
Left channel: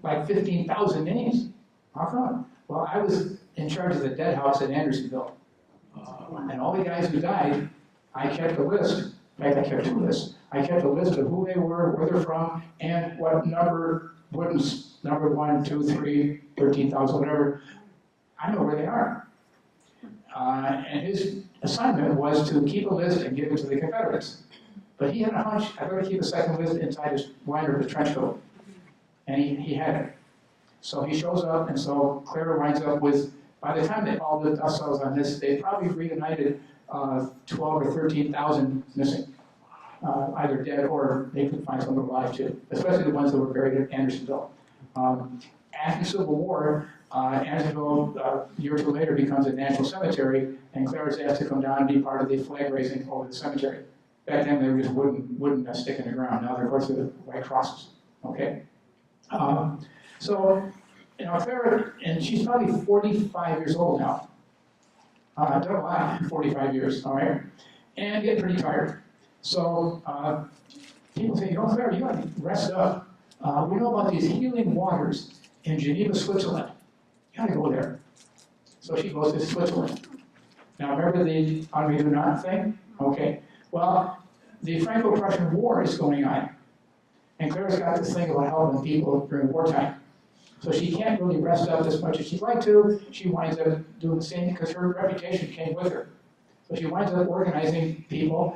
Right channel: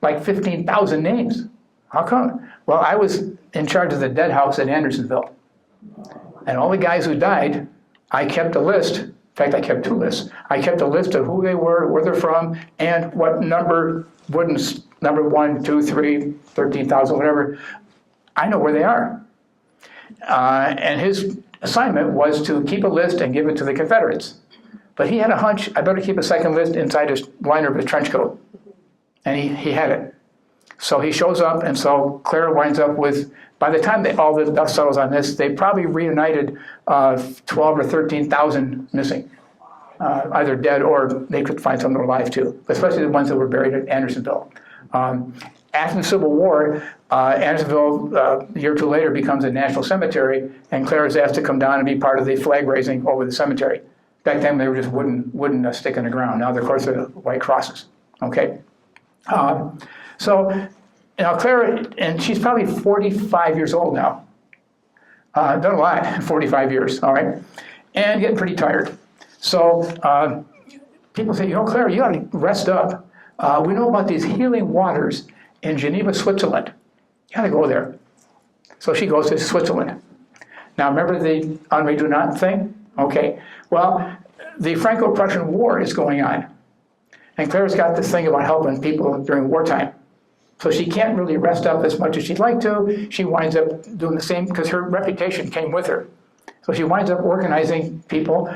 like 15,000 names. How come? Well, I was in charge of the dead house at Andersonville. And all the guys who died, I kept a list fact, I kept 2 lists. I kept a list of who they were, where they're from, and what number wooden's number 1, 2, 3, 13,000, whatever. I know where they are. And his assignment was to keep a list and give it to the Confederates. But he had a hunch, I better keep a second list inside his liner of his trench coat. And he had it. So he shows up, and so Clara winds up with, by the time all the dust settles on this, they probably reunited 12 or 13,000 missing, either dead or they could find some that were alive too, especially the ones that were buried in Andersonville. After the Civil War, Andersonville, a year or 2 later, becomes a national cemetery, and Clara is asked to come down and be part of the flag raising over the cemetery. Back then, they were just wooden stick in the ground. Now, of course, they're white crosses. Okay. So, Clara, and she's probably 45 years old now. Done a lot, 45 years, all right? And getting pretty tired. So, people say, Clara, you ought to rest up. We know about these healing waters in Geneva, Switzerland. You ought to go there. So she goes to Switzerland. Now, remember the Henri Dunant thing? Okay. Well, the Franco-Prussian War is going on. And Clara's got this thing about helping people during wartime. So she can't really rest up as much as she'd like to. She winds up doing the same because her reputation came with her. So she winds up organizing people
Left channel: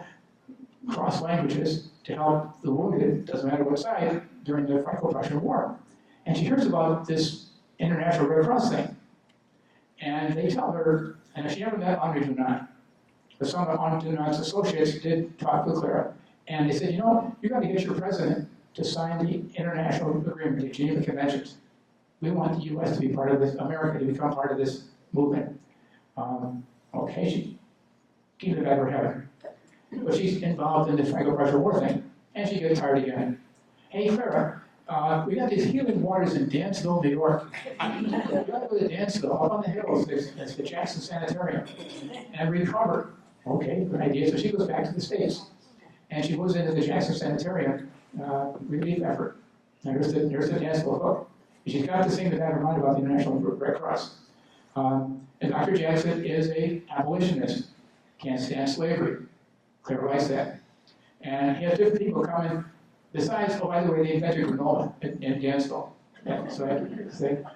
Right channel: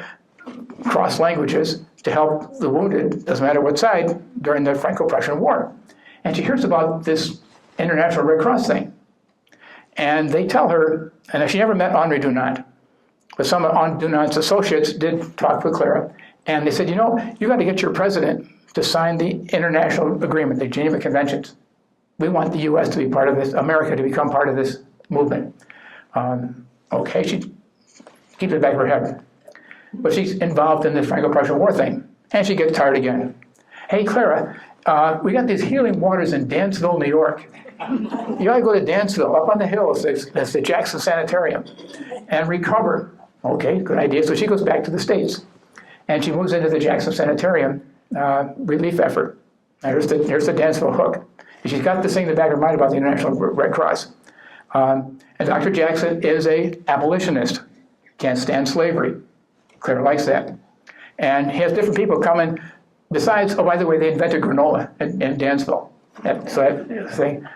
across languages to help the wounded, doesn't matter what side, during the Franco-Prussian War. And she hears about this International Red Cross thing. And they tell her, and she never met Henri Dunant, but some of Henri Dunant's associates did talk with Clara. And they said, you got to get your president to sign the international agreement, the Geneva Conventions. We want the U.S. to be part of this, America to become part of this movement. Okay, she keeps it in the back of her head. But she's involved in the Franco-Prussian War thing, and she gets tired again. Hey, Clara, we got these healing waters in Dansville, New York. You ought to go to Dansville, up on the hills, that's the Jackson Sanitarium, and recover. Okay, good idea. So she goes back to the States, and she moves into the Jackson Sanitarium relief effort. Here's the Dansville hook. And she's got this thing in the back of her mind about the International Red Cross. And Dr. Jackson is an abolitionist, can't stand slavery. Clara likes that. And he has different people coming. Besides, oh, by the way, they invented granola in Dansville. So that thing.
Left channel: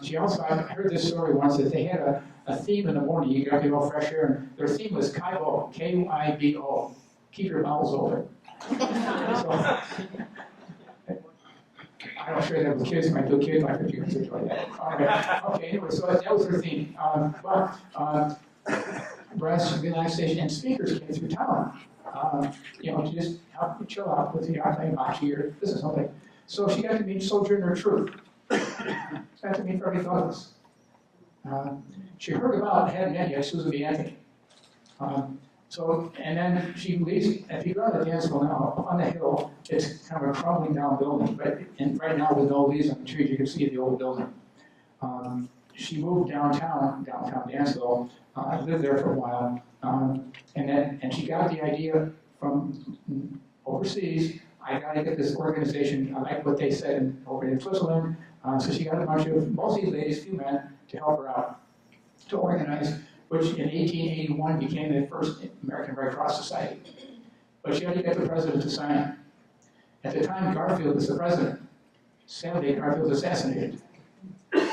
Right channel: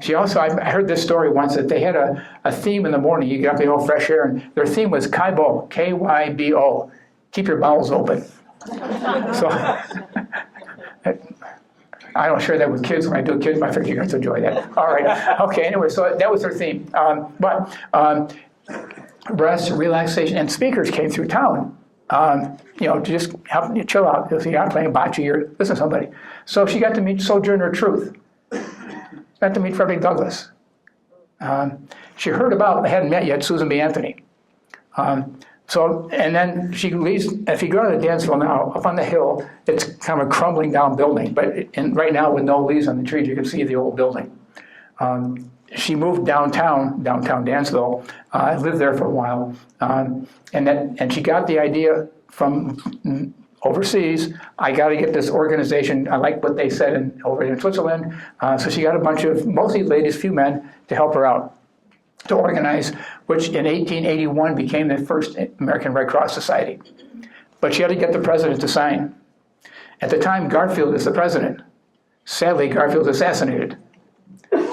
She also, I heard this story once that they had a theme in the morning. You got the old fresh air, and their theme was Kybo, K-Y-B-O. Keep your bowels open. So I don't share that with kids when I do kids. I figure you guys enjoy that. All right. Okay. Anyway, so that was their theme. Rest, relaxation, and speakers came through town. To just help you chill out. You're not playing bocce or listen to somebody. So she got to meet Sojourner Truth. Got to meet Fredrick Douglass. She heard about, I hadn't met yet, Susan B. Anthony. And then she leaves, if you go to Dansville now, up on the hill, it's kind of a crumbling down building, but right now with no leaves on the trees, you can see the old building. She moved downtown Dansville, lived there for a while, and she got the idea from overseas. I got to get this organization. I like what they said over in Switzerland, so she got a bunch of mostly ladies, few men, to help her out to organize, which in 1881 became the first American Red Cross Society. But she had to get the president to sign. At the time, Garfield is the president. Sadly, Garfield was assassinated.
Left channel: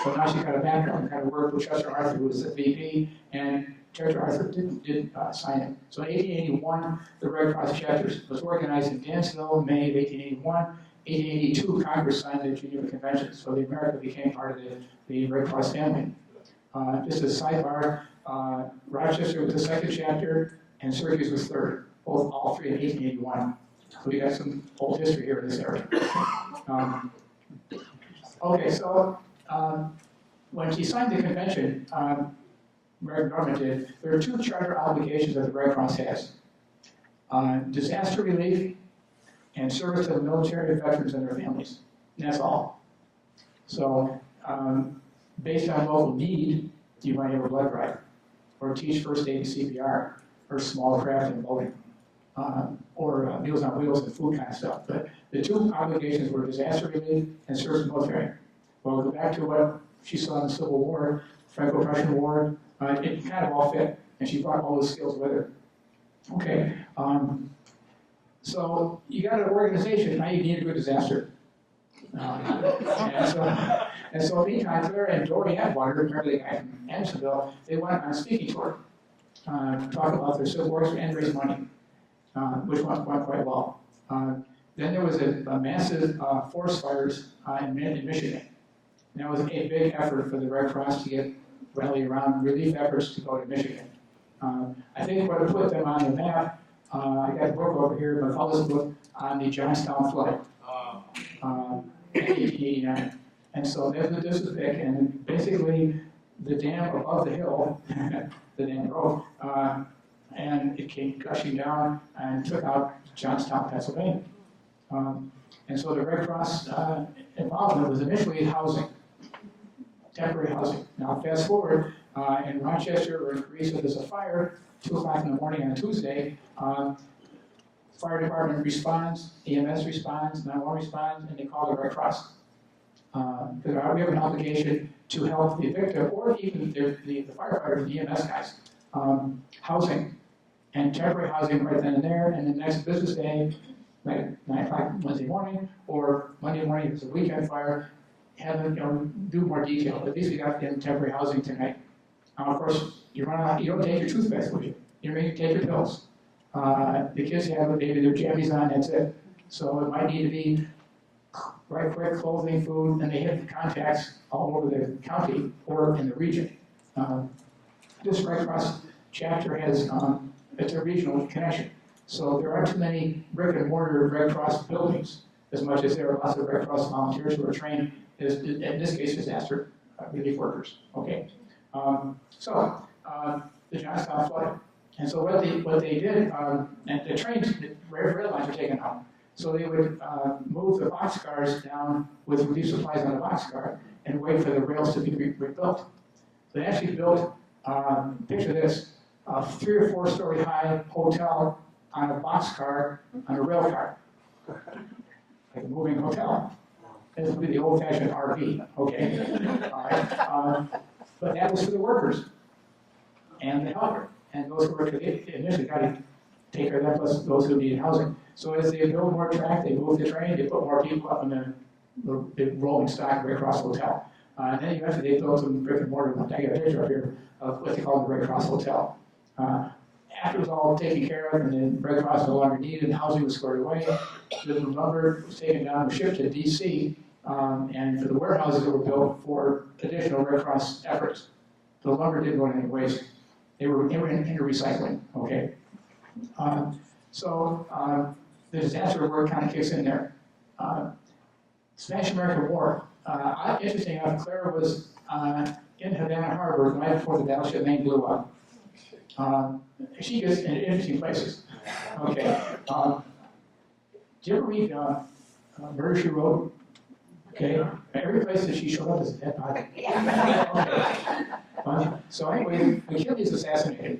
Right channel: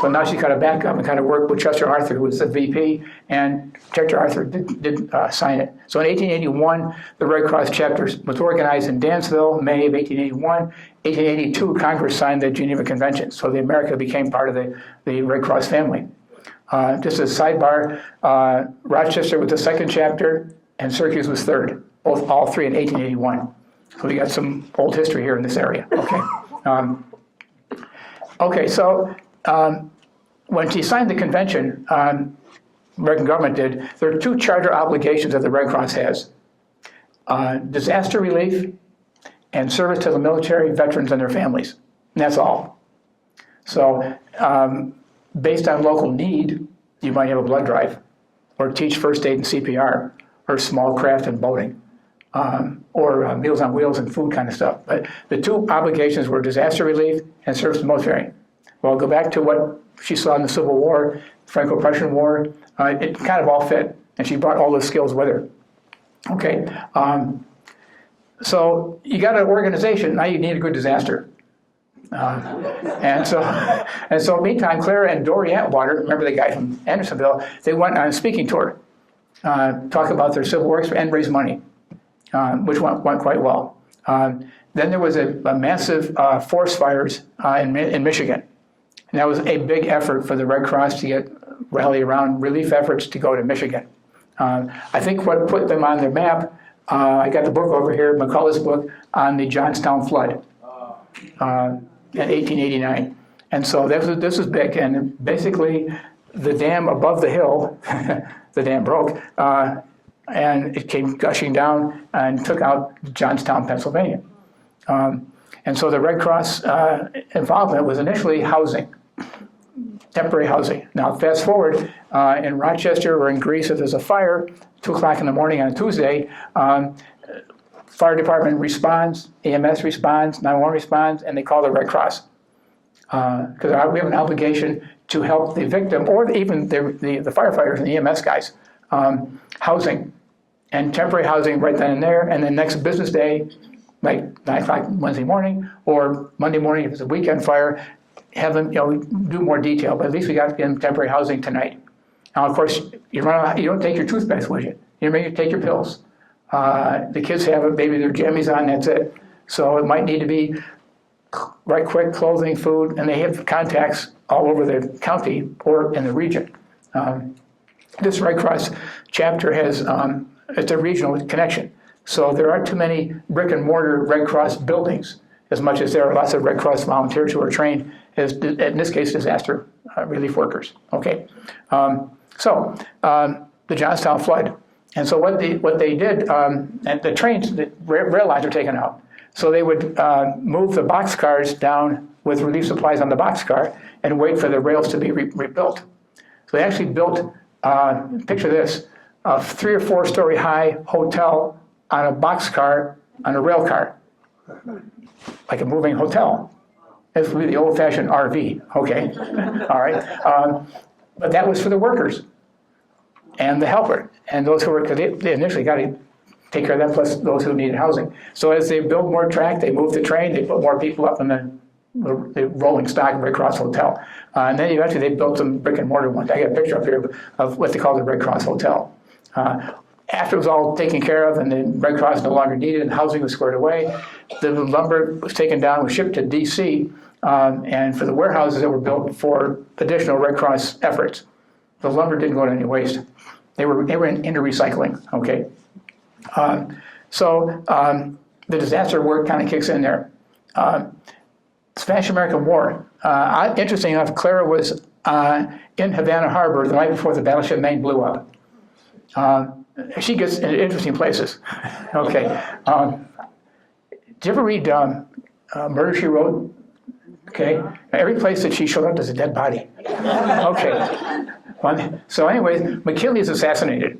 So now she's got to back up and kind of work with Chester Arthur, who was the VP, and Chester Arthur did sign it. So in 1881, the Red Cross chapter was organized in Dansville, May of 1881. 1882, Congress signed the Geneva Conventions, so America became part of the Red Cross family. Just as a sidebar, Rochester was the second chapter, and Syracuse was third, all three in 1881. So we got some old history here in this area. Okay. So when she signed the convention, American government did, there are 2 charter obligations that the Red Cross has. Disaster relief and service to the military, veterans, and their families. And that's all. So based on local need, you might have a blood drive, or teach first aid and CPR, or small craft and boating, or Meals on Wheels and food kind of stuff. But the 2 obligations were disaster relief and service to the military. Well, go back to what she saw in the Civil War, Franco-Prussian War. It kind of all fit, and she brought all those skills with her. Okay. So you got an organization, now you need a good disaster. And so meantime, Clara and Dory Atwater, remember the guy from Andersonville, they went on a speaking tour, talk about their civil war and raise money, which went quite well. Then there was a massive forest fires in Michigan. And that was a big effort for the Red Cross to rally around relief efforts to go to Michigan. I think what put them on their map, I got the book over here, McCullough's book, on the Johnstown flood in 1889. And so this was big. And basically, the dam above the hill, the dam broke, and it came gushing down and took out Johnstown, Pennsylvania. And so the Red Cross involvement was initially housing, temporary housing. Now fast forward, in Rochester or in Greece, if there's a fire, 2 o'clock in the morning on a Tuesday, fire department responds, EMS responds, 911 responds, and they call the Red Cross. Because we have an obligation to help the victim, or even the firefighters and the EMS guys, housing, and temporary housing right then and there, and then next business day, like 9 o'clock Wednesday morning, or Monday morning if it's a weekend fire, have them do more detail, but at least we got in temporary housing tonight. Now, of course, you don't take your toothpaste with you. You take your pills. The kids have maybe their jammies on, that's it. So it might need to be right quick clothing, food, and they have contacts all over the county or in the region. This Red Cross chapter has, it's a regional connection. So there aren't too many brick and mortar Red Cross buildings as much as there are lots of Red Cross volunteers who are trained as, in this case, disaster relief workers. Okay, the Johnstown flood. And so what they did, and the trains, the rail lines are taken out. So they would move the boxcars down with relief supplies on the boxcar and wait for the rails to be rebuilt. So they actually built, picture this, a 3 or 4 story high hotel on a boxcar on a rail car, like a moving hotel. This would be the old-fashioned RV, okay? All right. But that was for the workers and the helper and those who were, because they initially got to take care of them, plus those who needed housing. So as they built more track, they moved the train, they put more people up in the rolling stock Red Cross Hotel. And then eventually they built some brick and mortar ones. I got a picture up here of what they call the Red Cross Hotel. After it was all taken care of and the Red Cross no longer needed and housing was squared away, the lumber was taken down, was shipped to DC, and for the warehouses that were built for additional Red Cross efforts. The lumber didn't go to any waste. They were into recycling, okay? The disaster work kind of kicks in there. Spanish-American War. Interesting enough, Clara was in Havana Harbor the night before the battleship Maine blew up. She gets into interesting places. Okay. Did you ever read Murder, She Wrote? Okay. Every place that she showed up, there's a dead body. Okay. So anyway, McKinley is assassinated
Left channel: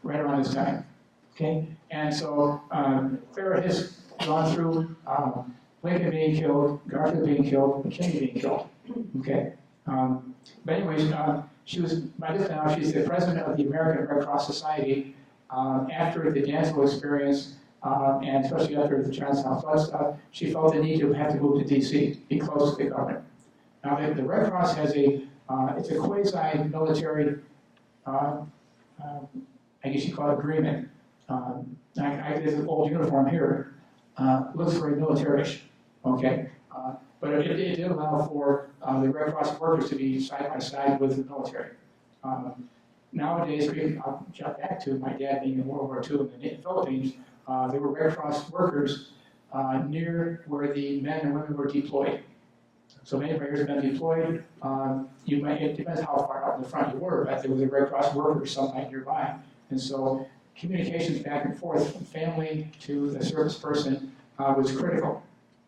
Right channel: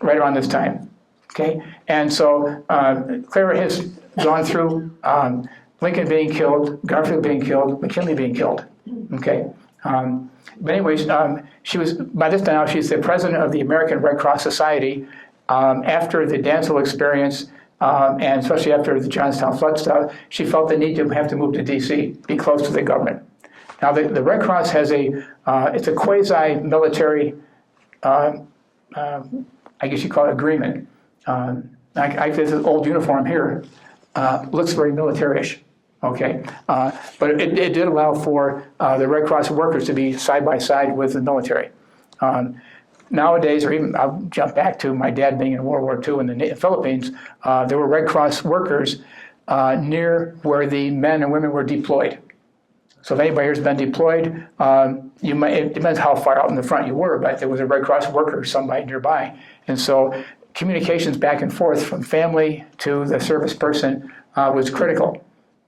right around this time. Okay. And so Clara has gone through Lincoln being killed, Garfield being killed, McKinley being killed. Okay. But anyways, she was, by this time, she's the president of the American Red Cross Society. After the Dansville experience, and especially after the Johnstown flood stuff, she felt the need to have to move to DC, be close to the government. Now, the Red Cross has it's a quasi-military, I guess you call it agreement. I this old uniform here looks very military-ish. Okay, but it did allow for the Red Cross workers to be side by side with the military. Nowadays, or even I'll jump back to my dad being in World War II in the Philippines, there were Red Cross workers near where the men and women were deployed. So if anybody here's been deployed, it depends how far out in the front you were, but there was a Red Cross worker somebody nearby. And so communications back and forth from family to the service person was critical.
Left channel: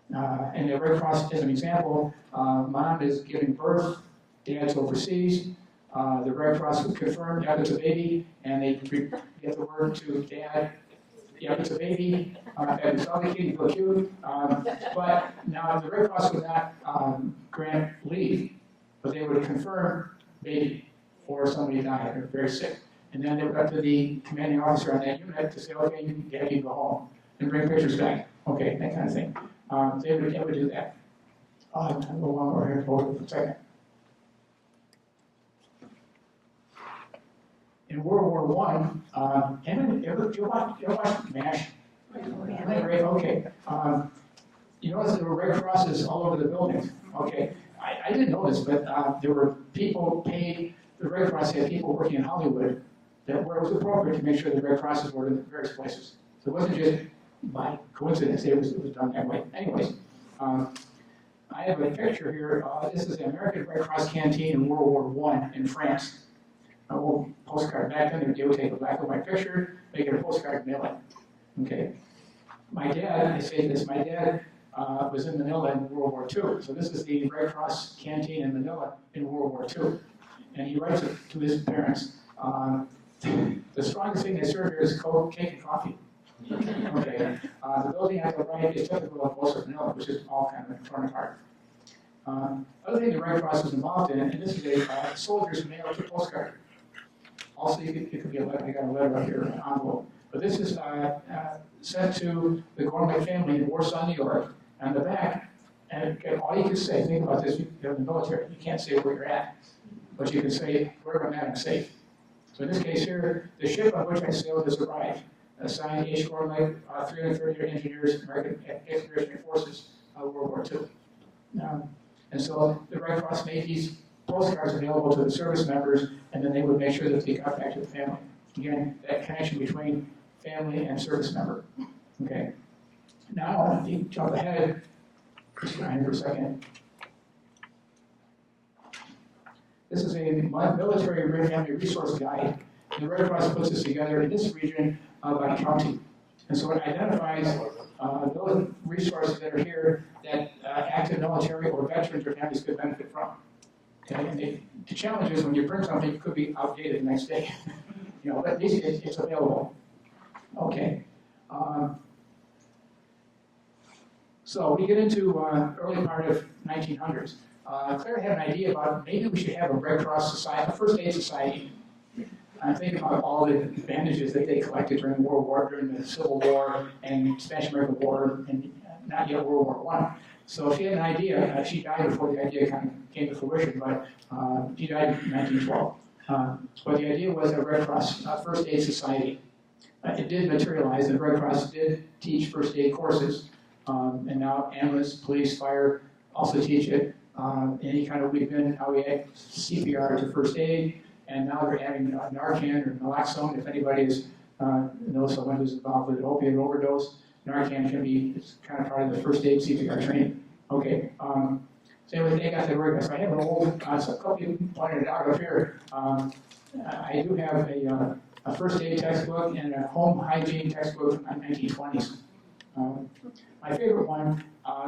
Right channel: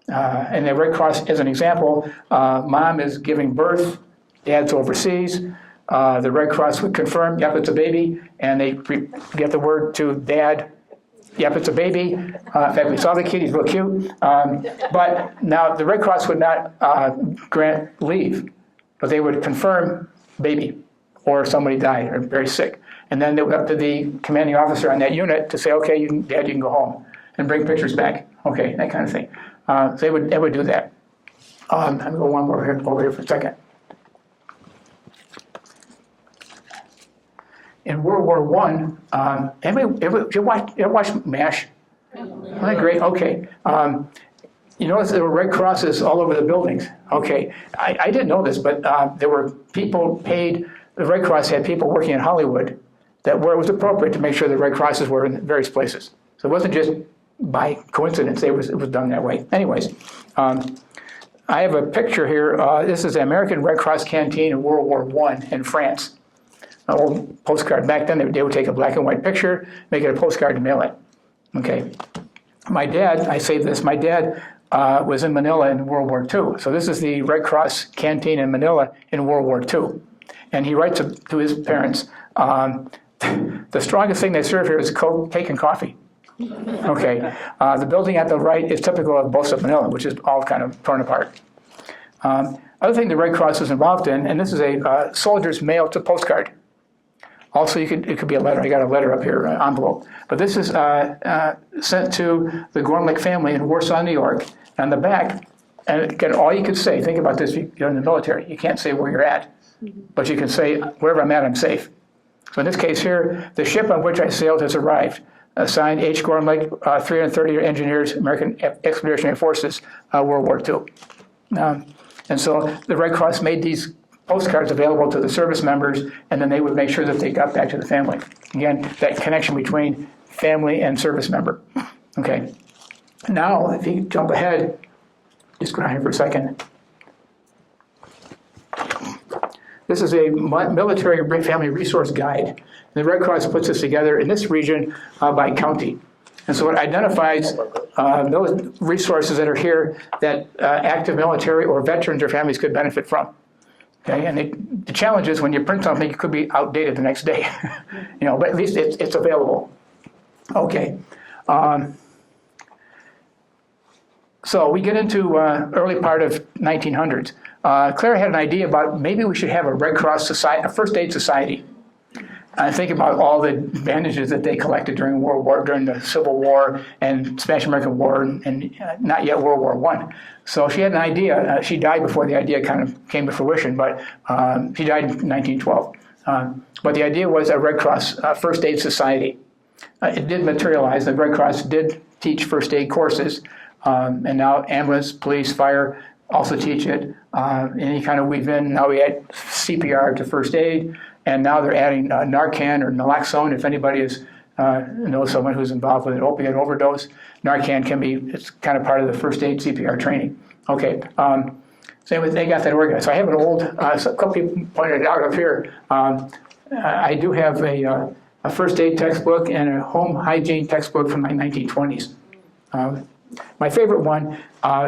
And the Red Cross, as an example, mom is giving birth, dad's overseas. The Red Cross would confirm, yep, it's a baby, and they get the word to dad, yep, it's a baby. In fact, we saw the kid, he's real cute. But now the Red Cross would not grant leave, but they would confirm baby, or somebody died, or very sick. And then they would up to the commanding officer on that unit to say, okay, Dad, you can go home. and bring pictures back. Okay, that kind of thing. So they would do that. I'm going to go one more here, over here for a second. In World War I, anybody ever watch MASH? Isn't that great? Okay. You notice there were Red Crosses all over the buildings. Okay. I didn't know this, but there were people paid, the Red Cross had people working in Hollywood that where it was appropriate to make sure the Red Crosses were in various places. So it wasn't just by coincidence, it was done that way. Anyways, I have a picture here. This is the American Red Cross canteen in World War I in France. An old postcard. Back then, they would take a black and white picture, make it a postcard and mail it. Okay. My dad, I say this, my dad was in Manila in World War II. So this is the Red Cross canteen in Manila in World War II. And he writes to his parents, the strongest thing they serve here is cake and coffee. Okay. The building at the right is typical of Bosa, Manila, which is all kind of torn apart. Other thing the Red Cross was involved in, and this is a soldier's mail to postcard. Also, it could be a letter. I got a letter up here, envelope. But this is sent to the Gormley family in Warsaw, New York. On the back, and again, all you can say, think about this, you're in the military. You can't say where you're at, but you can say, wherever I'm at, I'm safe. So in this case here, the ship on which I sailed has arrived. Signed H. Gormley, 330 engineers, American Expeditionary Forces, World War II. And so the Red Cross made these postcards available to the service members, and then they would make sure that they got back to the family. Again, that connection between family and service member. Okay. Now, if you jump ahead, please go down here for a second. This is a military family resource guide. The Red Cross puts this together in this region by county. And so it identifies those resources that are here that active military or veterans or families could benefit from. Okay, and the challenge is when you print something, it could be outdated the next day. But at least it's available. Okay. So we get into early part of 1900s. Clara had an idea about maybe we should have a Red Cross society, a first aid society. I think about all the bandages that they collected during during the Civil War and Spanish-American War, and not yet World War I. So she had an idea. She died before the idea kind of came to fruition, but she died in 1912. But the idea was a Red Cross first aid society. It did materialize. The Red Cross did teach first aid courses, and now ambulance, police, fire also teach it. Any kind of weave in. Now we add CPR to first aid. And now they're adding Narcan or naloxone. If anybody knows someone who's involved with an opiate overdose, Narcan it's kind of part of the first aid CPR training. Okay, so they got that organized. So I have an old, a couple people pointed it out up here. I do have a first aid textbook and a home hygiene textbook from my 1920s. My favorite one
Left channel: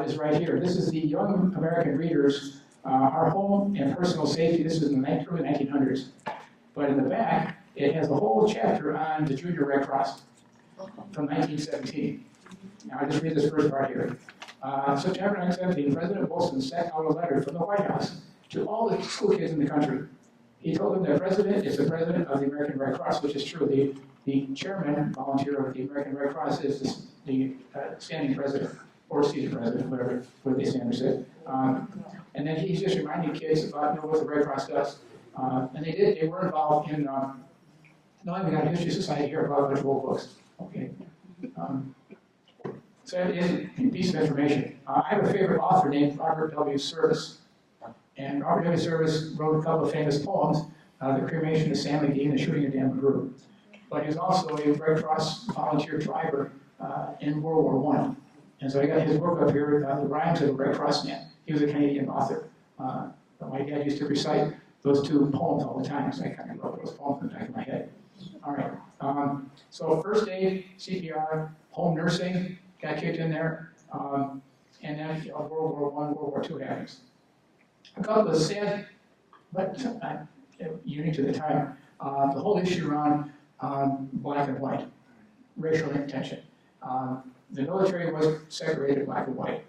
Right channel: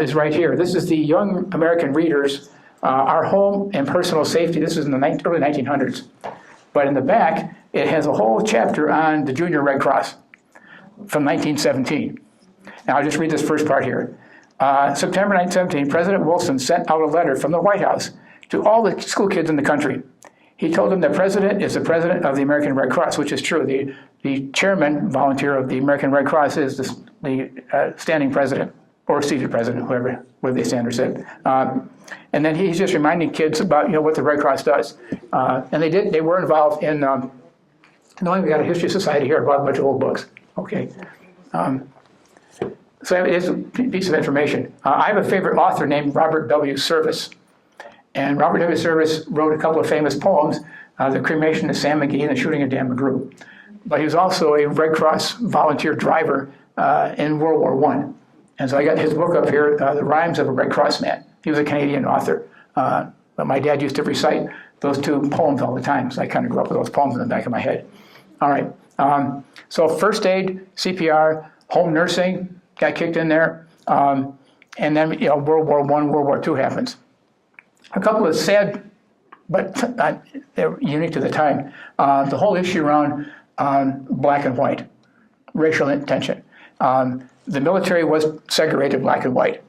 is right here. This is the Young American Readers, Our Home and Personal Safety. This is in the early 1900s. But in the back, it has a whole chapter on the Junior Red Cross from 1917. Now I'll just read this first part here. September 1917, President Wilson sent out a letter from the White House to all the school kids in the country. He told them the president is the president of the American Red Cross, which is true. The chairman, volunteer of the American Red Cross is the standing president, or seated president, whatever they stand or sit. And then he's just reminding kids about what the Red Cross does. And they were involved in, we got a history society here, I brought a bunch of old books. Okay. So it's a piece of information. I have a favorite author named Robert W. Service. And Robert W. Service wrote a couple of famous poems, The Cremation of Sam McGee and The Shooting of Dan McGrew. But he was also a Red Cross volunteer driver in World War I. And so I got his book up here, The Rhymes of a Red Cross Man. He was a Canadian author. But my dad used to recite those two poems all the time, so I kind of grew up with those poems in the back of my head. All right. So first aid, CPR, home nursing got kicked in there. And then World War I, World War II happens. A couple of sad, but they're unique to the time. The whole issue around black and white, racial tension. The military was segregated black and white,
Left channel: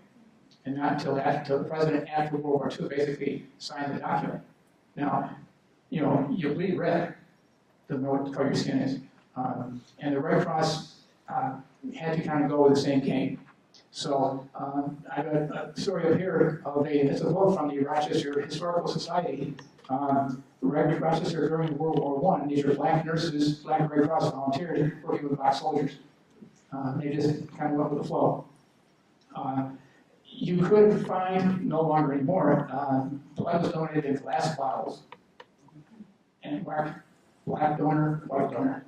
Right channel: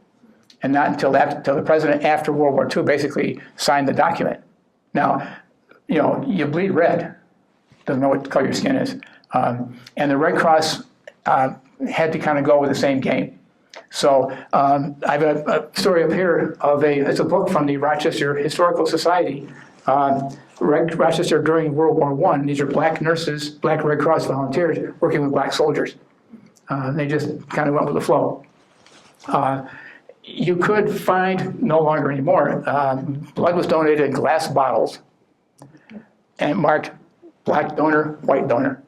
and not until the president after World War II basically signed the document. Now, you bleed red, doesn't know what color your skin is. And the Red Cross had to kind of go with the same game. So I have a story up here of it's a book from the Rochester Historical Society. Rochester during World War I. These are black nurses, black Red Cross volunteers working with black soldiers. They just kind of went with the flow. You could find, no longer anymore, blood was donated in glass bottles and marked black donor, white donor.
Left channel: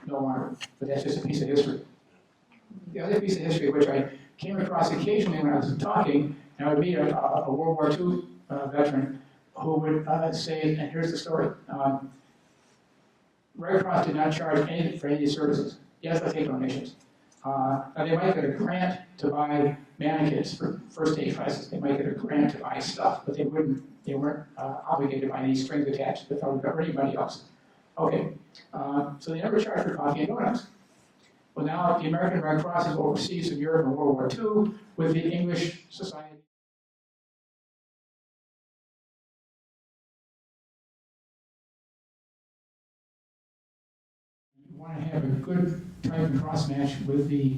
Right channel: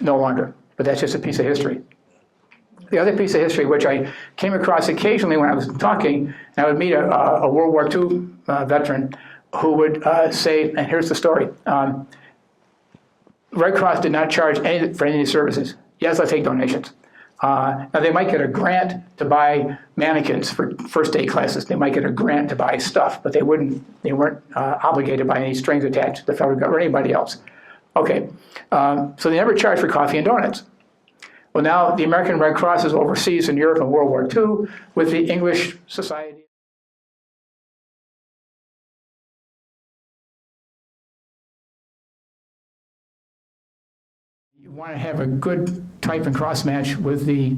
No longer, but that's just a piece of history. The other piece of history, which I came across occasionally when I was talking, I would meet a World War II veteran who would say, and here's the story, Red Cross did not charge any for any services. Yes, I take donations. Now they might get a grant to buy mannequins for first aid classes. They might get a grant to buy stuff, but they weren't obligated by any strings attached to the federal government or anybody else. Okay, so they never charged for coffee and donuts. Well, now the American Red Cross is overseas in Europe in World War II with the English Society. You want to have a good type and cross match with the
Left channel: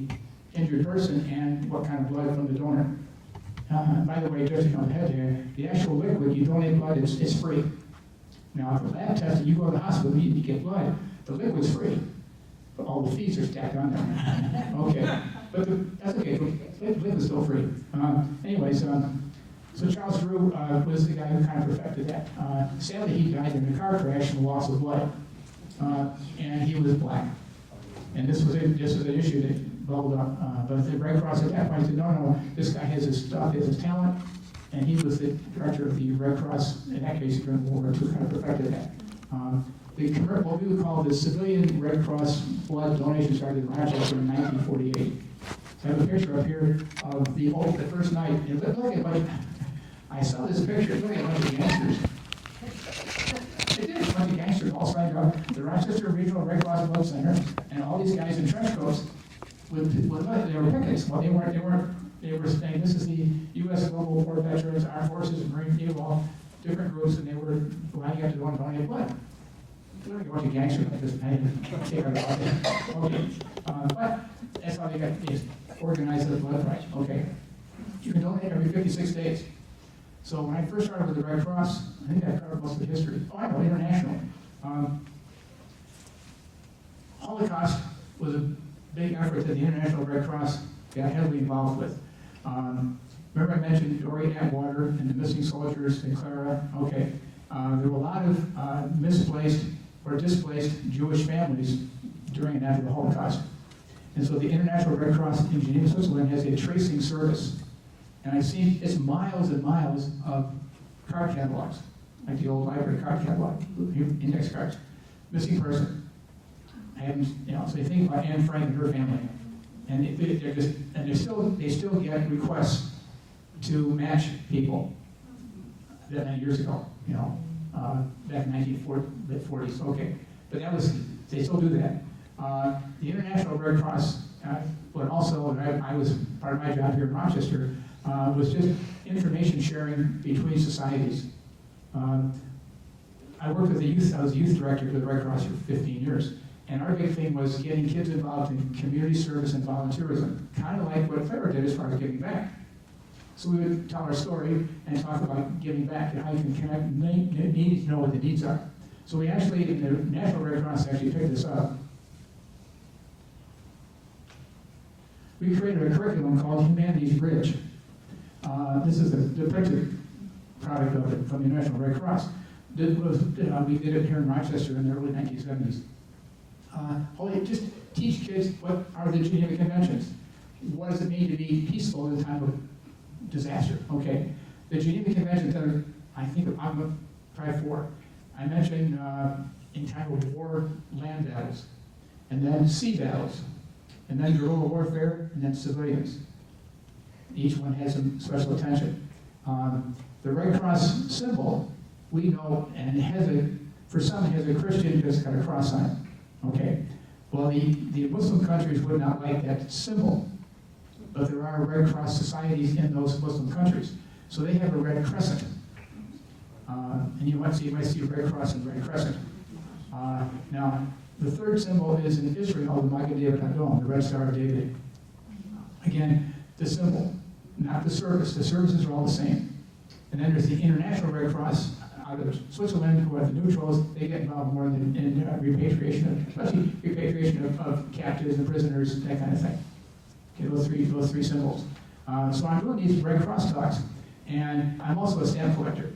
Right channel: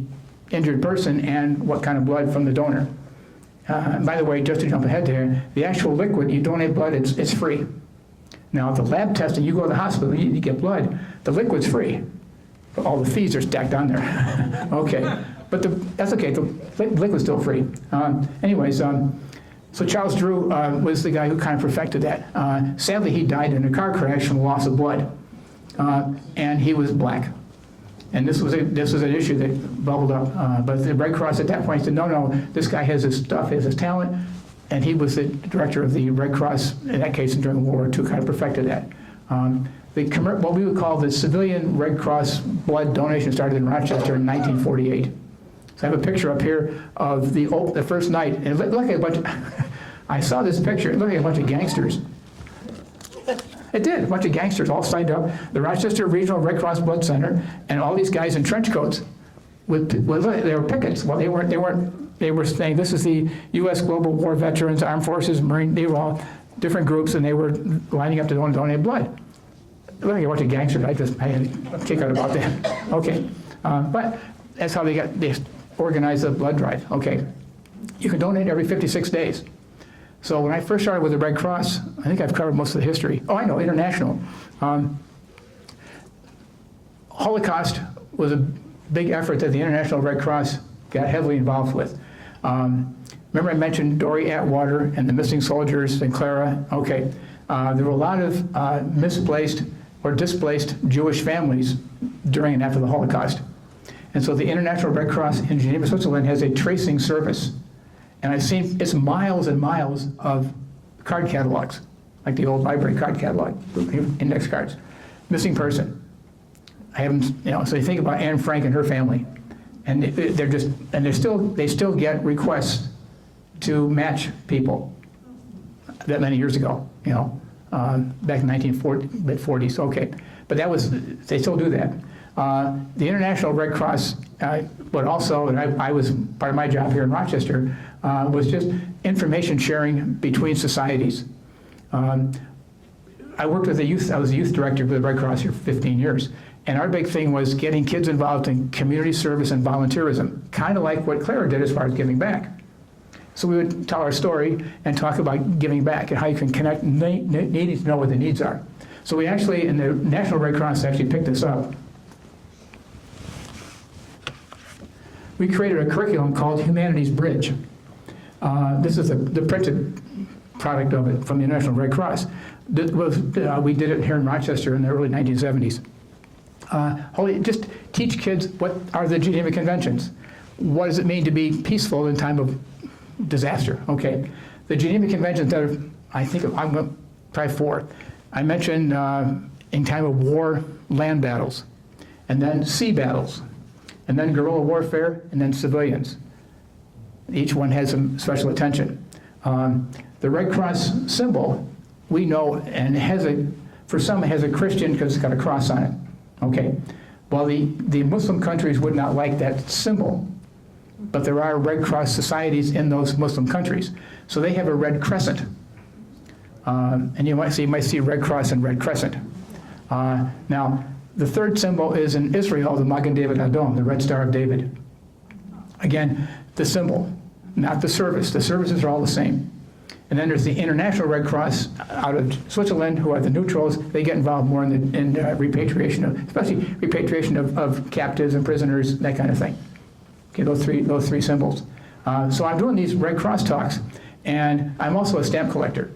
injured person and what kind of blood from the donor. By the way, just to jump ahead there, the actual liquid, you donate blood, it's free. Now, the lab testing, you go to the hospital, you get blood, the liquid's free. But all the fees are stacked on there. Okay, but that's okay, the liquid's still free. So Charles Drew was the guy who kind of perfected that. Sadly, he died in a car crash from loss of blood, and he was black. And this was an issue that bubbled up. But the Red Cross at that point said, no, this guy has his stuff, he has his talent, and he was the director of the Red Cross, in that case, during World War II, kind of perfected that. What we would call the civilian Red Cross blood donation started in Rochester in 1948. So I have a picture up here of the first night. And it looked like a bunch of, I saw this picture, it looked like a bunch of gangsters. It did, a bunch of gangsters all signed up. The Rochester Regional Red Cross Blood Center, and all these guys in trench coats, they were pickets. Well, they were saying, this is the U.S. Global War Veterans, Armed Forces, Marine, they were all different groups, and they were lining up to donate blood. Look, you watch a gangster, I had a kick out about that. Okay, but that's how they organized the blood drive. Okay, you can donate every 56 days. So when I first started with the Red Cross, I think I've covered most of the history. Oh, I know, international. Holocaust was a big effort that the International Red Cross got heavily involved with. Remember I mentioned Dory Atwater and the missing soldiers and Clara? Okay, there were a lot of misplaced or displaced Jewish families during and after the Holocaust. And so the International Red Cross in Geneva, Switzerland has a tracing service. And I've seen, it's miles and miles of card catalogs, like the old library card catalog, index cards. Missing person. I haven't, so you think about Anne Frank and her family. And they still get requests to match people that many years ago, back in 1940s, okay. But they still do that. The International Red Cross, but also, and I was, part of my job here in Rochester, was just information sharing between societies. I worked with I was a youth director for the Red Cross here for 15 years. And our big thing was getting kids involved in community service and volunteerism, kind of like what Clara did as far as giving back. So we would tell our story and talk about giving back and how you can connect, needing to know what the needs are. So we actually, in the National Red Cross, actually picked this up. We created a curriculum called Humanities Bridge. This is the printed product of it from the International Red Cross. We did it here in Rochester in the early 1970s. Just teach kids what are the Geneva Conventions. What does it mean to be peaceful in time of disaster? Okay, the Geneva Conventions that are, I think I'm going to try 4. I mentioned in time of war, land battles, and then sea battles, and then guerrilla warfare, and then civilians. Each one has some special attention. The Red Cross symbol, we know, and for some it has a Christian because it's got a cross on it. Okay, well the Muslim countries would not like that symbol, but there are Red Cross societies in those Muslim countries. So they have a red crescent. And you might see Red Cross and Red Crescent. Now, The third symbol is in Israel, the Magen David Adom, the Red Star of David. Again, the symbol, not the service. The services are all the same. And then there's the International Red Cross out of Switzerland, who are the neutrals. They get involved more in repatriation of, especially repatriation of captives and prisoners, that kind of thing. Okay, those three symbols. So I'm doing these Red Cross talks, and I'm also a stamp collector.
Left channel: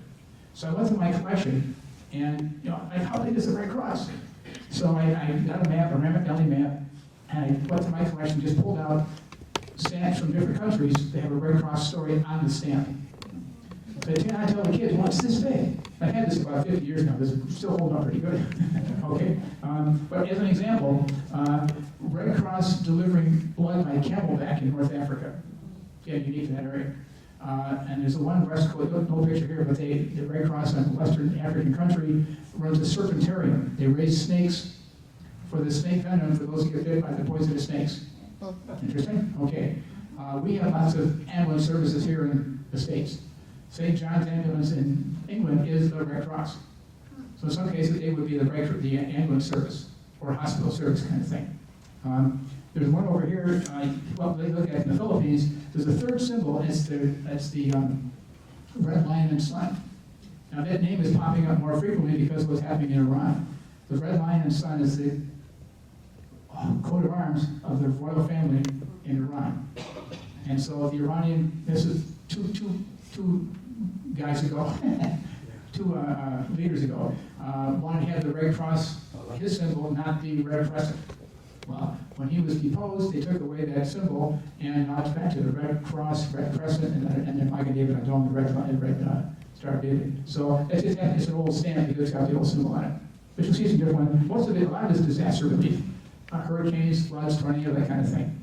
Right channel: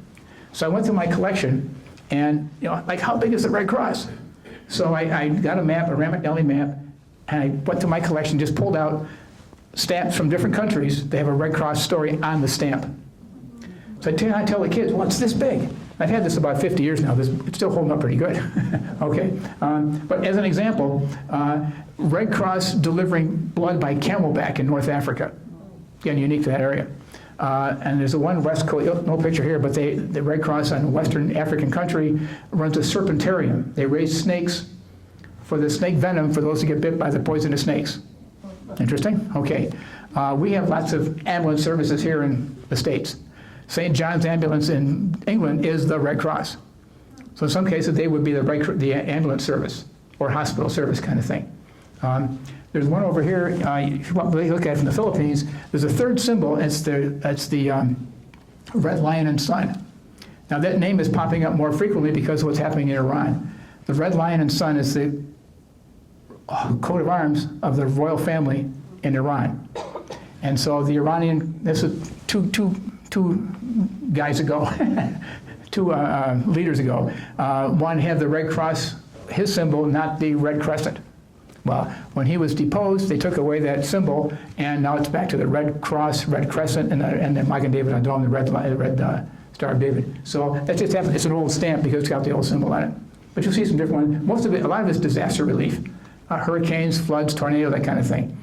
So I went through my collection, and like, how big is the Red Cross? So I got a map, a Ramat map, and I went through my collection, just pulled out stamps from different countries. They have a Red Cross story on the stamp. So I tell the kids, well, it's this big. I've had this about 50 years now. It's still holding up pretty good. Okay. But as an example, Red Cross delivering blood by camelback in North Africa. Again, unique to that area. And there's a one West Coast, no picture here, but the Red Cross in Western African country runs a serpentarium. They raise snakes for the snake venom for those who get bit by the poisonous snakes. Interesting? Okay. We have lots of ambulance services here in the States. St. John's Ambulance in England is the Red Cross. So in some cases, they would be the ambulance service or hospital service kind of thing. There's one over here, if you want to look at it from the Philippines, there's a third symbol, it's the Red Lion and Sun. Now that name is popping up more frequently because of what's happening in Iran. The Red Lion and Sun is the coat of arms of the royal family in Iran. And so the Iranian, this is two guys ago, two leaders ago, one had the Red Cross, his symbol, not the Red Crescent. Well, when he was deposed, they took away that symbol, and now it's back to the Red Cross, Red Crescent, and the Magen David Adom, the Red Star of David. So that's just it's an old stamp because it's got the old symbol on it. But you'll see some different ones. Most of it, a lot of it's disaster relief, hurricanes, floods, tornado, that kind of thing.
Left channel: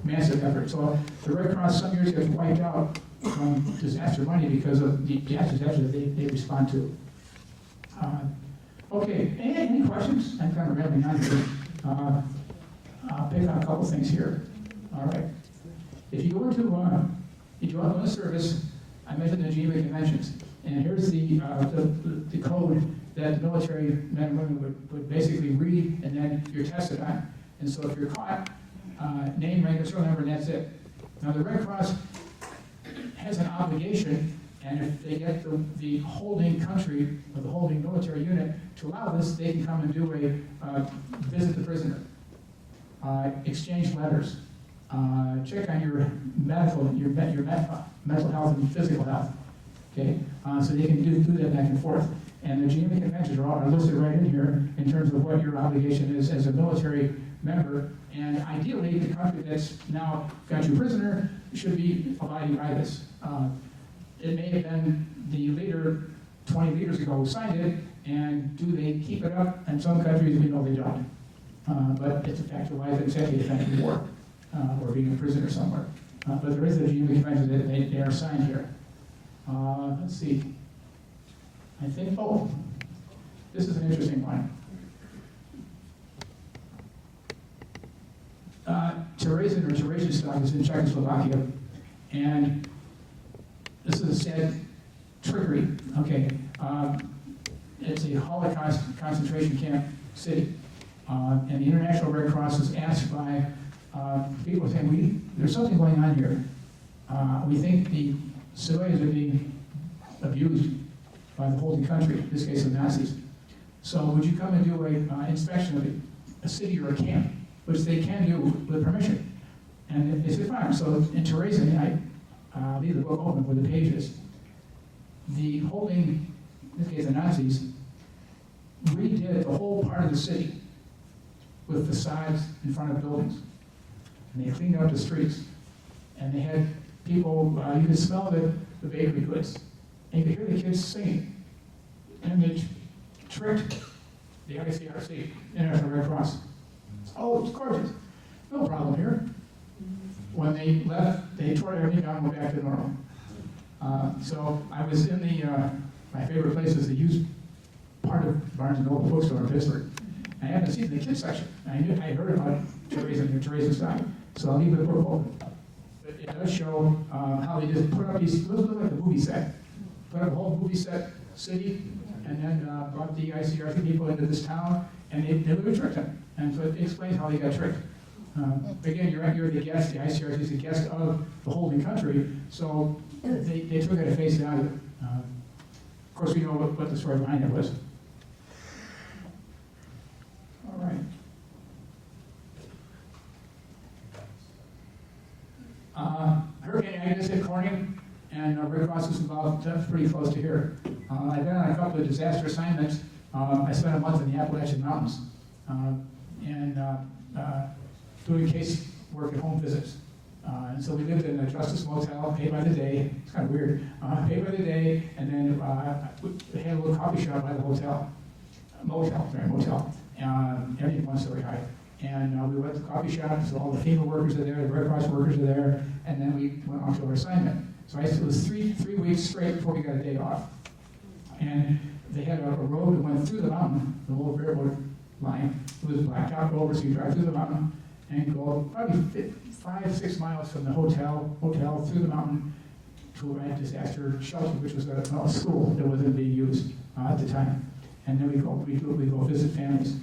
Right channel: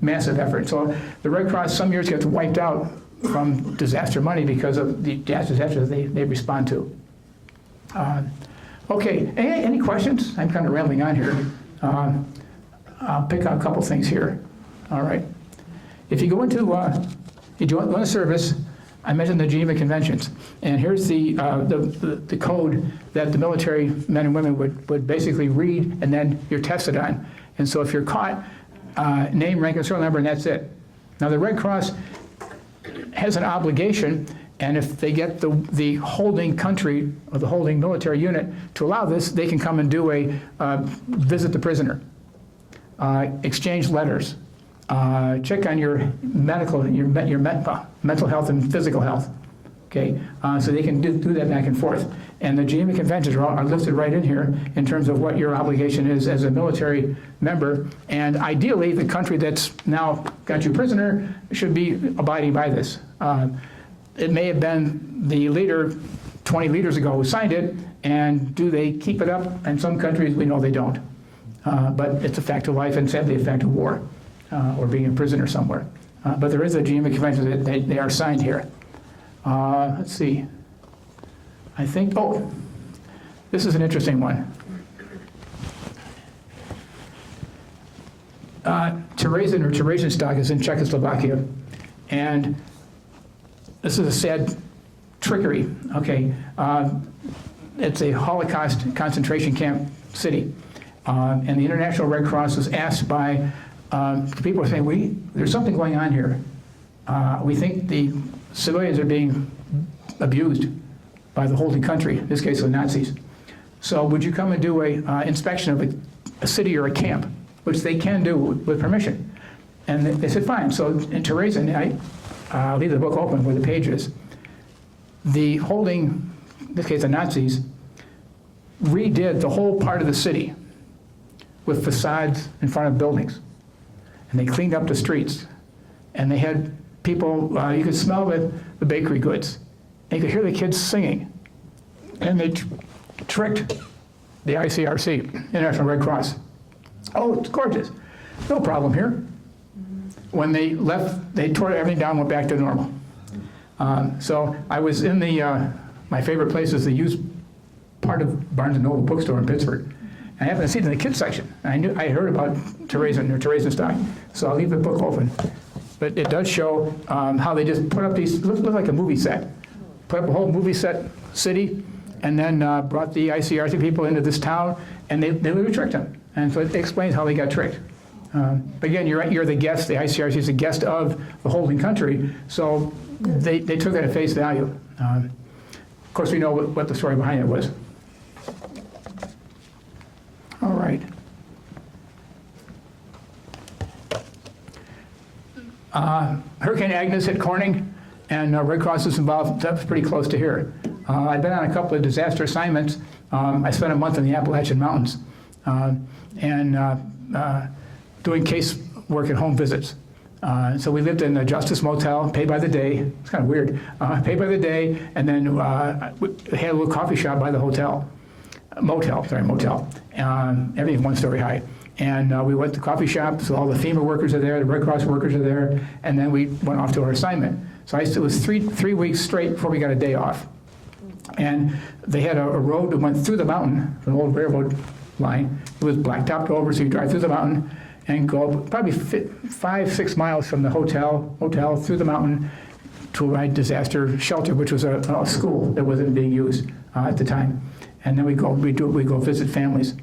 Massive effort. So the Red Cross some years gets wiped out from disaster money because of the disasters they respond to. Okay, any questions? I'm kind of rambling on here. I'll pick out a couple things here. All right. If you go into, you join a service, I mentioned the Geneva Conventions, and here's the code that the military men and women would basically read, and then you're tested on. And so if you're caught, name, rank, and serial number, and that's it. Now the Red Cross has an obligation, and if they get the holding country or the holding military unit to allow this, they can come and do a visit the prisoner, exchange letters, check on your mental health and physical health. Okay, so they can do that back and forth. And the Geneva Conventions are listed right in here in terms of what your obligation is as a military member. And ideally, the country that's now got you prisoner should be abiding by this. It may have been the leader 20 leaders ago who signed it, and do they keep it up? In some countries, we know they don't. But it's a fact of life and sadly a fact of war or being in prison or somewhere. But there is a Geneva Convention that they are signed here. Let's see. I think, this is an interesting one. Theresienstock is in Czechoslovakia, and this is a sad trickery, okay. It's a Holocaust concentration camp city, and the International Red Cross was asked by people saying, there's something going on here. We think the civilians are being abused by the holding country, in this case the Nazis. So would you come and do a inspection of a city or a camp, which they can do with permission? And they said, fine. So in Theresian, I'll leave the book open where the page is. The holding, in this case the Nazis, redid the whole part of the city with facades in front of buildings. And they cleaned up the streets. And they had people, you could smell the bakery goods. And you could hear the kids singing. And they tricked the ICRC, International Red Cross. Oh, it's gorgeous. No problem here. When they left, they tore everything down and went back to normal. So I was in my favorite place is the used part of Barnes & Noble bookstore in Pittsburgh. And I happened to see it in the kids section. And I heard about Theresienstock. So I'll leave the book open. But it does show how they just put up these, it looks like a movie set. Put up a whole movie set city, and then brought the ICRC people into this town and they literally tricked them. And so it explains how they got tricked. But again, you're right, you're the guest, the ICRC is the guest of the holding country, so they took it at face value. Of course, we know what the story behind it was. All right. Hurricane Agnes hit Corning, and Red Cross is involved. That's pretty close to here. I've been on a couple of disaster assignments. I spent a month in the Appalachian Mountains doing case work at home visits. So we lived in the Justice Motel, paid by the day. It's kind of weird. Paid by the day, and then we had a little coffee shop by the motel. Everything 1 story high. And we went to the coffee shop, so all the FEMA workers are there, the Red Cross workers are there, and then we went off to our assignment. So it was three weeks straight before we got a day off. And they had a road that went through the mountain, an old railroad line. It was blacktopped over, so you drive through the mountain and go probably 5-6 miles from the hotel through the mountain to a disaster shelter, which was a school that wasn't being used at the time. And then we go visit families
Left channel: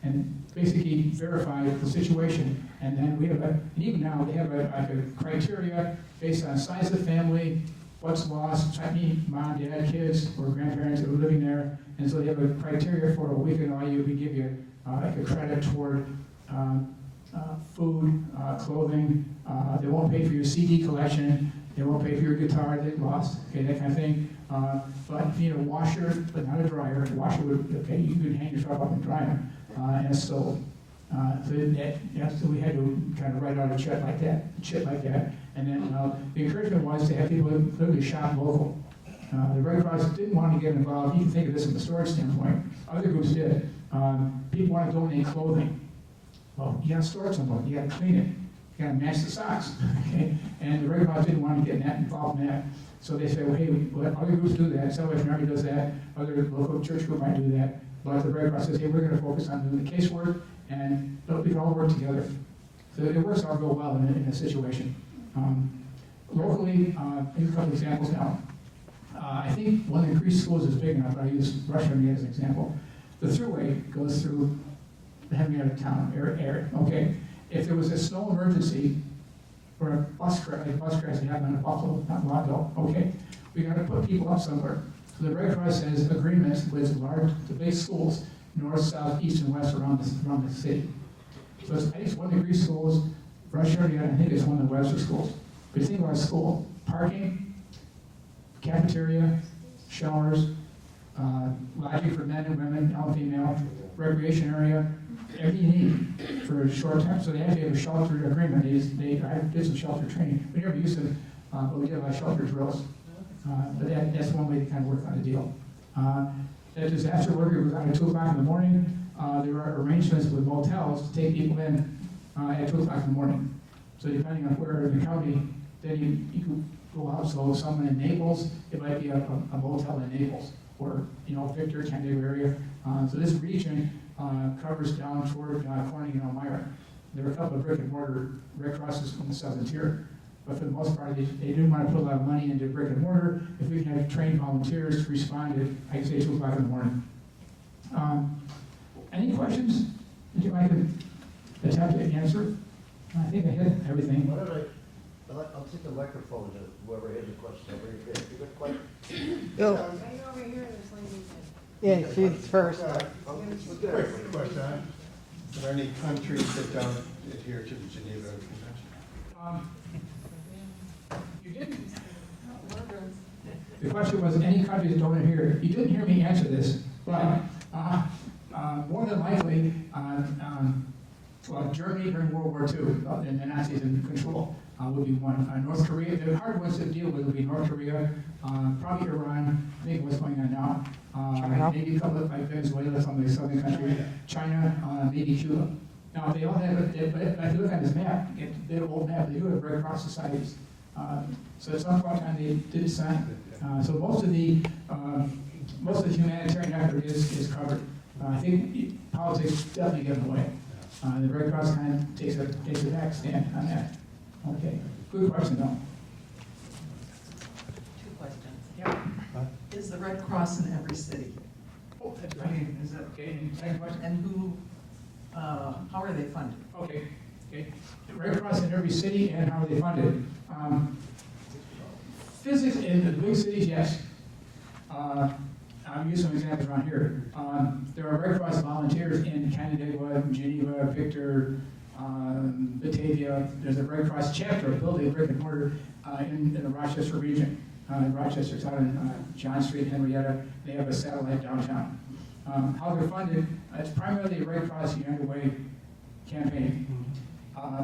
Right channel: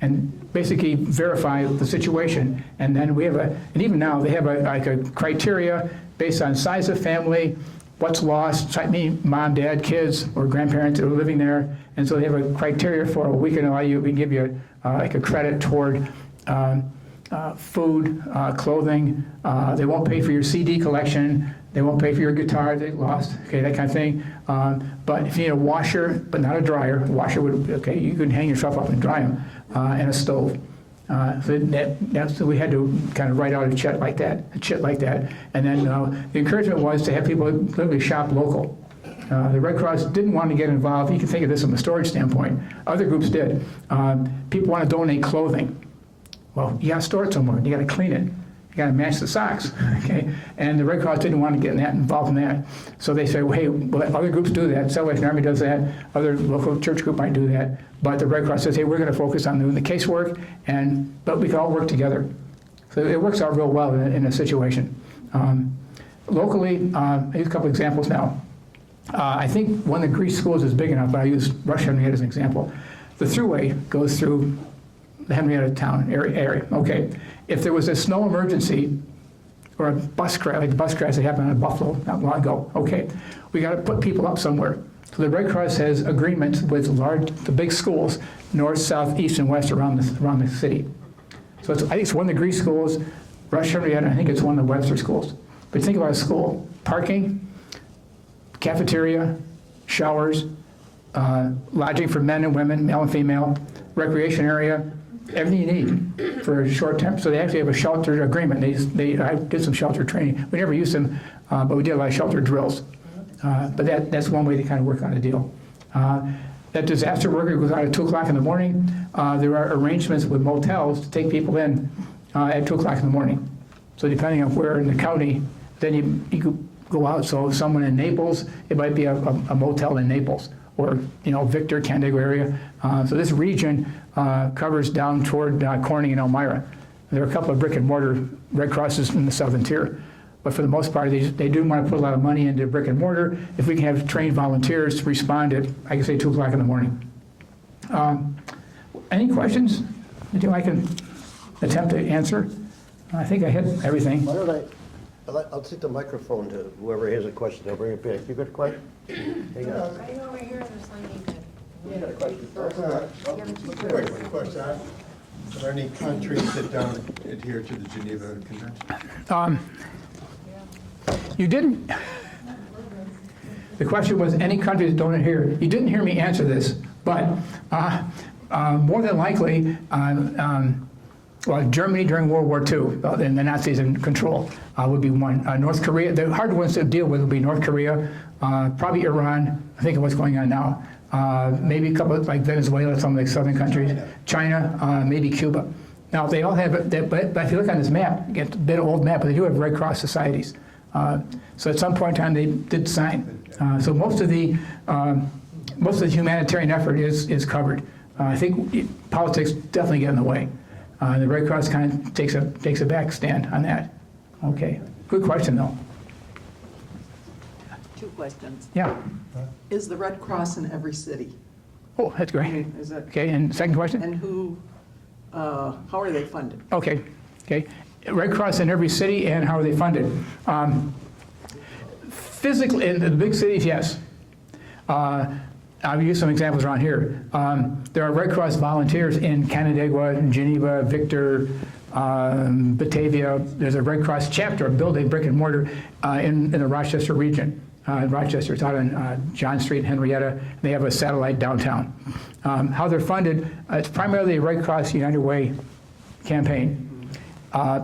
and basically verify the situation. And then we have and even now they have a criteria based on size of family, what's lost, mom, dad, kids, or grandparents that are living there. And so they have a criteria for we can give you like a credit toward food, clothing. They won't pay for your CD collection. They won't pay for your guitar they lost, okay, that kind of thing. But if you need a washer, but not a dryer, washer would, okay, you can hang yourself up and dry them, and a stove. So we had to kind of write out a check like that. And then the encouragement was to have people literally shop local. The Red Cross didn't want to get involved. You can think of this from a storage standpoint. Other groups did. People want to donate clothing. Well, you got to store it somewhere. You got to clean it. You got to match the socks, okay? And the Red Cross didn't want to get involved in that. So they said, well, hey, well, other groups do that. Salvation Army does that. Other local church group might do that. But the Red Cross says, hey, we're going to focus on doing the casework, but we can all work together. So it works out real well in a situation. Locally, here's a couple examples now. I think one of the Greece schools is big enough, but I use Rush Henrietta as an example. The thruway goes through the Henrietta town area. Okay, if there was a snow emergency or a bus crash, like the bus crash that happened in Buffalo not long ago, okay, we got to put people up somewhere. So the Red Cross has agreements with the big schools, north, south, east, and west around the city. So I think it's one of the Greece schools, Rush Henrietta, I think it's one of the Webster schools. But think about a school: parking, cafeteria, showers, lodging for men and women, male and female, recreation area, everything you need for a short term. So they actually have a shelter agreement. I did some shelter training. We never used them, but we did a lot of shelter drills. But that's one way to kind of work on a deal. That disaster worker goes out at 2 o'clock in the morning. There are arrangements with motels to take people in at 2 o'clock in the morning. So depending on where in the county, then you could go out. So if someone in Naples, it might be a motel in Naples, or Victor, Canandaigua area. So this region covers down toward Corning and Elmira. There are a couple of brick and mortar Red Crosses in the southern tier, but for the most part, they do want to put a lot of money into brick and mortar. If we can have trained volunteers to respond at, I can say, 2 o'clock in the morning. Any questions? Anything I can attempt to answer? I think I hit everything. Why don't I'll take the microphone to whoever has a question. I'll bring it back. You got a question? Right over here, there's something. Yeah, she's first. Question. Are there any countries that don't adhere to the Geneva Conventions? You didn't. The question was, any countries that don't adhere? You didn't hear me answer this, but more than likely, Germany during World War II, and the Nazis in control, would be one. North Korea, the hard ones to deal with would be North Korea, probably Iran. I think of what's going on now. Maybe a couple like Venezuela, some like southern countries, China, maybe Cuba. Now they all have, but if you look on this map, it's a bit of old map, but they do have Red Cross societies. So at some point in time they did sign. So most of the humanitarian effort is covered. I think politics definitely get in the way. The Red Cross kind of takes a back stand on that. Okay, good question though. 2 questions. Yeah. Is the Red Cross in every city? Oh, that's great. Is that, Okay, and second question? and who, how are they funded? Okay, okay. Red Cross in every city, and how are they funded? Physically, in the big cities, yes. I'll use some examples around here. There are Red Cross volunteers in Canandaigua, Geneva, Victor, Batavia. There's a Red Cross chapter, a building, brick and mortar, in the Rochester region. Rochester, it's out on John Street and Henrietta. They have a satellite downtown. How they're funded, it's primarily a Red Cross United Way campaign.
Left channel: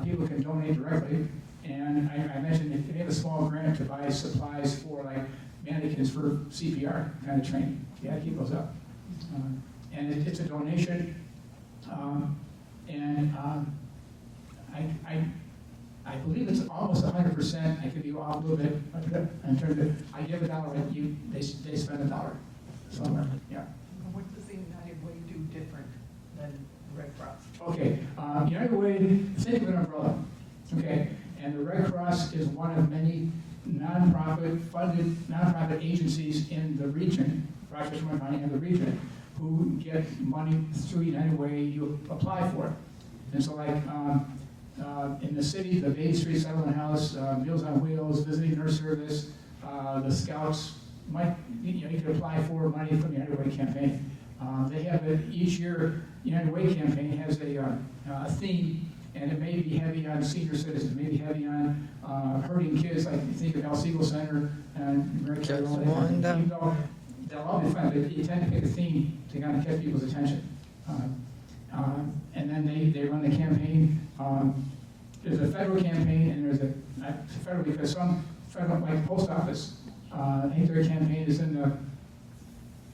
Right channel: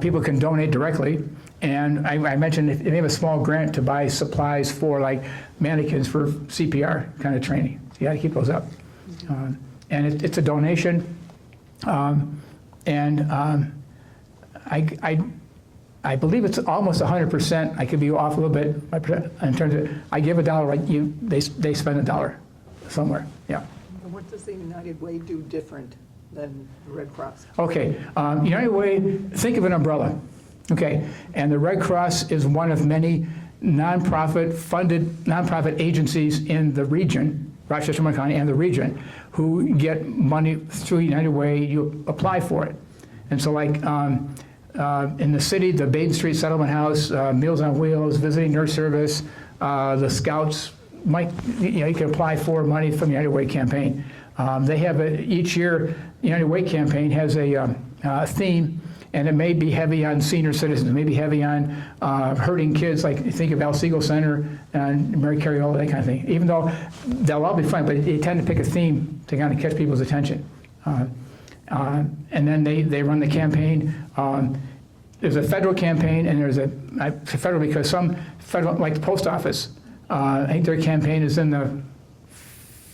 People can donate directly. And I mentioned if they have a small grant to buy supplies for like mannequins for CPR kind of training. So you got to keep those up. And it's a donation. I believe it's almost 100%. I could be off a little bit in terms of, I give $1, they spend $1 somewhere, yeah. What does the United Way do different than the Red Cross? Okay, United Way, think of an umbrella, okay? And the Red Cross is one of many nonprofit agencies in the region, Rochester, Monroe County, and the region, who get money through United Way. You apply for it. And so like in the city, the Baden Street Settlement House, Meals on Wheels, Visiting Nurse Service, the Scouts, you can apply for money from the United Way campaign. They have each year, United Way campaign has a theme, and it may be heavy on senior citizens, it may be heavy on hurting kids, like you think of Al Siegel Center and Mary Carey, all that kind of thing. Even though they'll all be fun, but they tend to pick a theme to kind of catch people's attention. And then they run the campaign. There's a federal campaign, and there's federal because some federal, like the post office, I think their campaign is in the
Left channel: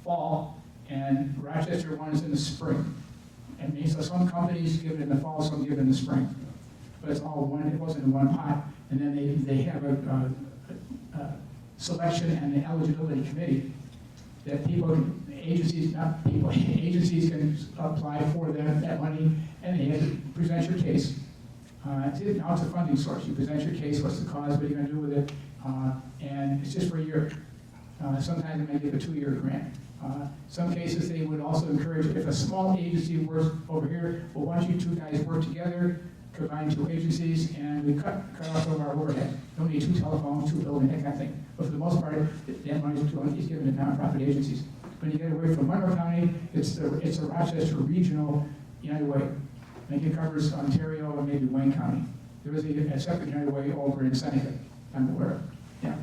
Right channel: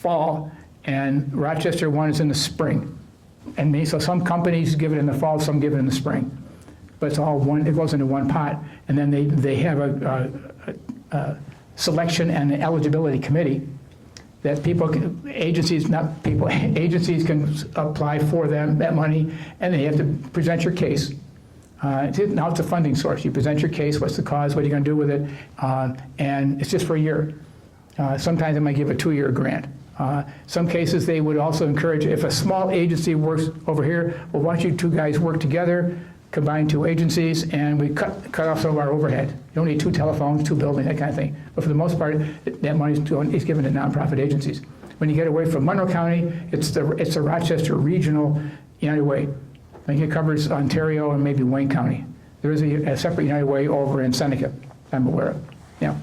fall, and Rochester one is in the spring. And so some companies give it in the fall, some give it in the spring. But it's all one, it goes into one pot, and then they have a selection and eligibility committee that agencies can apply for that money, and they have to present your case. Now it's a funding source. You present your case, what's the cause, what are you gonna do with it, and it's just for a year. Sometimes they might give a 2-year grant. Some cases they would also encourage, if a small agency works over here, well, why don't you two guys work together, combine 2 agencies, and we cut off some of our overhead. You don't need 2 telephones, 2 buildings, that kind of thing. But for the most part, that money is given to nonprofit agencies. When you get away from Monroe County, it's the Rochester Regional United Way. I think it covers Ontario and maybe Wayne County. There is a separate United Way over in Seneca, I'm aware of. Yeah.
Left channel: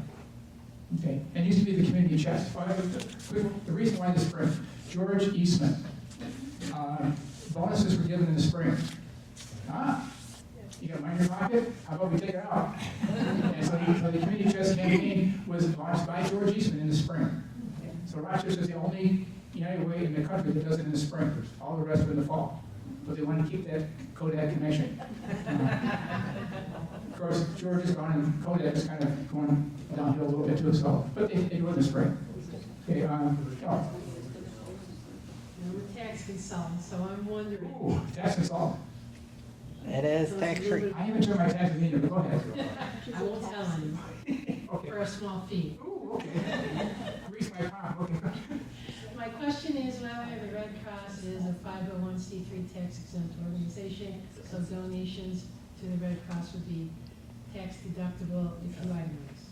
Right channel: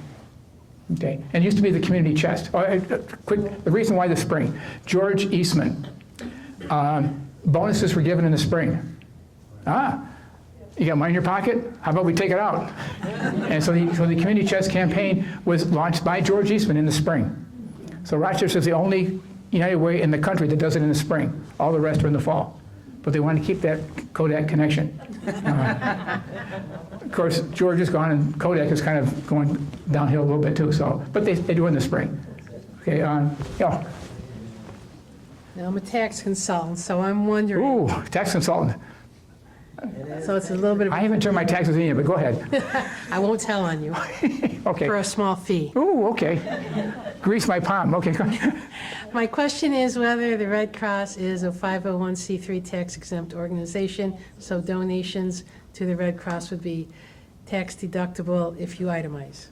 Okay. And it used to be the community chest. The reason why the spring. George Eastman. Bonuses were given in the spring. You got money in your pocket? How about we take it out? And so the community chest campaign was launched by George Eastman in the spring. So Rochester is the only United Way in the country that does it in the spring. All the rest are in the fall. But they want to keep that Kodak connection. Of course, George is gone, and Kodak is kind of going downhill a little bit too. So, but they do it in the spring. Okay, yeah. Now, I'm a tax consultant, so I'm wondering. Ooh, tax consultant. So it's a little bit of, I haven't turned my taxes in yet, but go ahead. I won't tell on you Okay. for a small fee. Ooh, okay. Grease my palm. Okay, go ahead. My question is whether the Red Cross is a 501c3 tax-exempt organization, so donations to the Red Cross would be tax deductible if you itemize.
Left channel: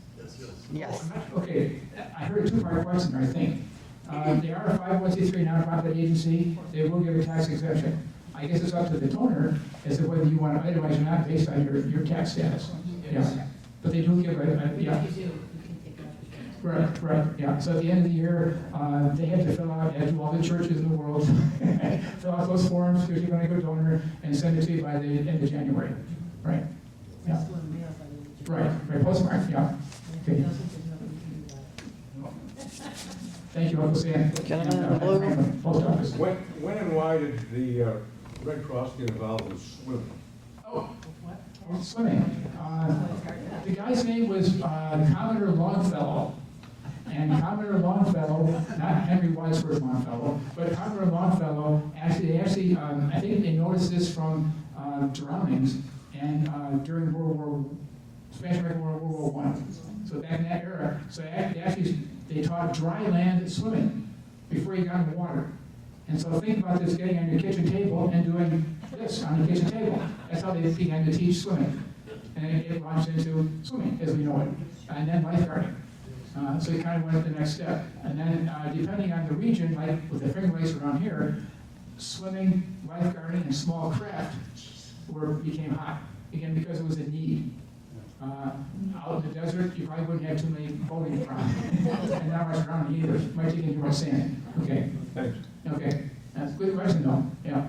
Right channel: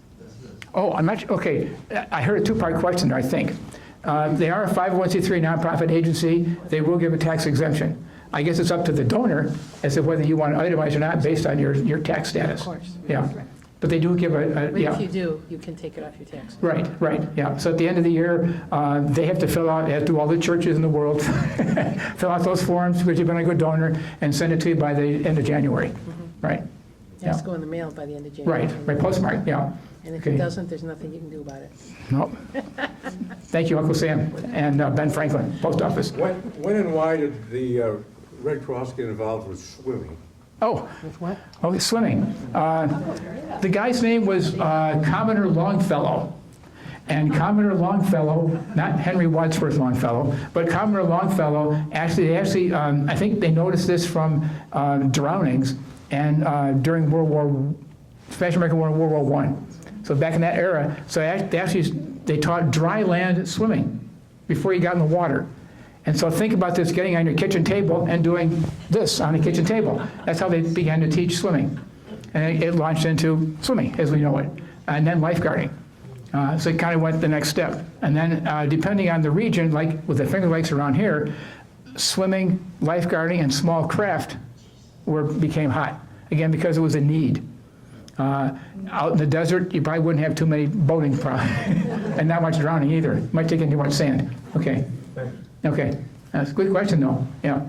Oh, I'm not, okay. I heard a 2-part question there, I think. They are a 501c3 nonprofit agency. They will give a tax exemption. I guess it's up to the donor as to whether you want to itemize or not based on your tax status. Of course. Yeah. But they do give But yeah. if you do, you can take it off your tax. Right, yeah. So at the end of the year, they have to fill out, as do all the churches in the world, fill out those forms, which you've been a good donor, and send it to you by the end of January, right? It has to go in the mail by the end of January. Right, postmark, yeah. And if Okay. it doesn't, there's nothing you can do about it. No. Thank you, Uncle Sam, and Ben Franklin, post office. When and why did the Red Cross get involved with swimming? Oh, With what? okay, swimming. The guy's name was Commoner Longfellow. And Commoner Longfellow, not Henry Wadsworth Longfellow, but Commoner Longfellow, actually, I think they noticed this from drownings and during Spanish American War, World War I. So back in that era, so they taught dry land swimming. before you got in the water. And so think about this, getting on your kitchen table and doing this on the kitchen table. That's how they began to teach swimming. And it launched into swimming as we know it, and then lifeguarding. So it kind of went the next step. And then depending on the region, like with the Finger Lakes around here, swimming, lifeguarding, and small craft became hot. Again, because it was a need. Out in the desert, you probably wouldn't have too many boating problems, and not much drowning either. Might take in too much sand. Okay. Thanks. Okay. That's a good question, though. Yeah.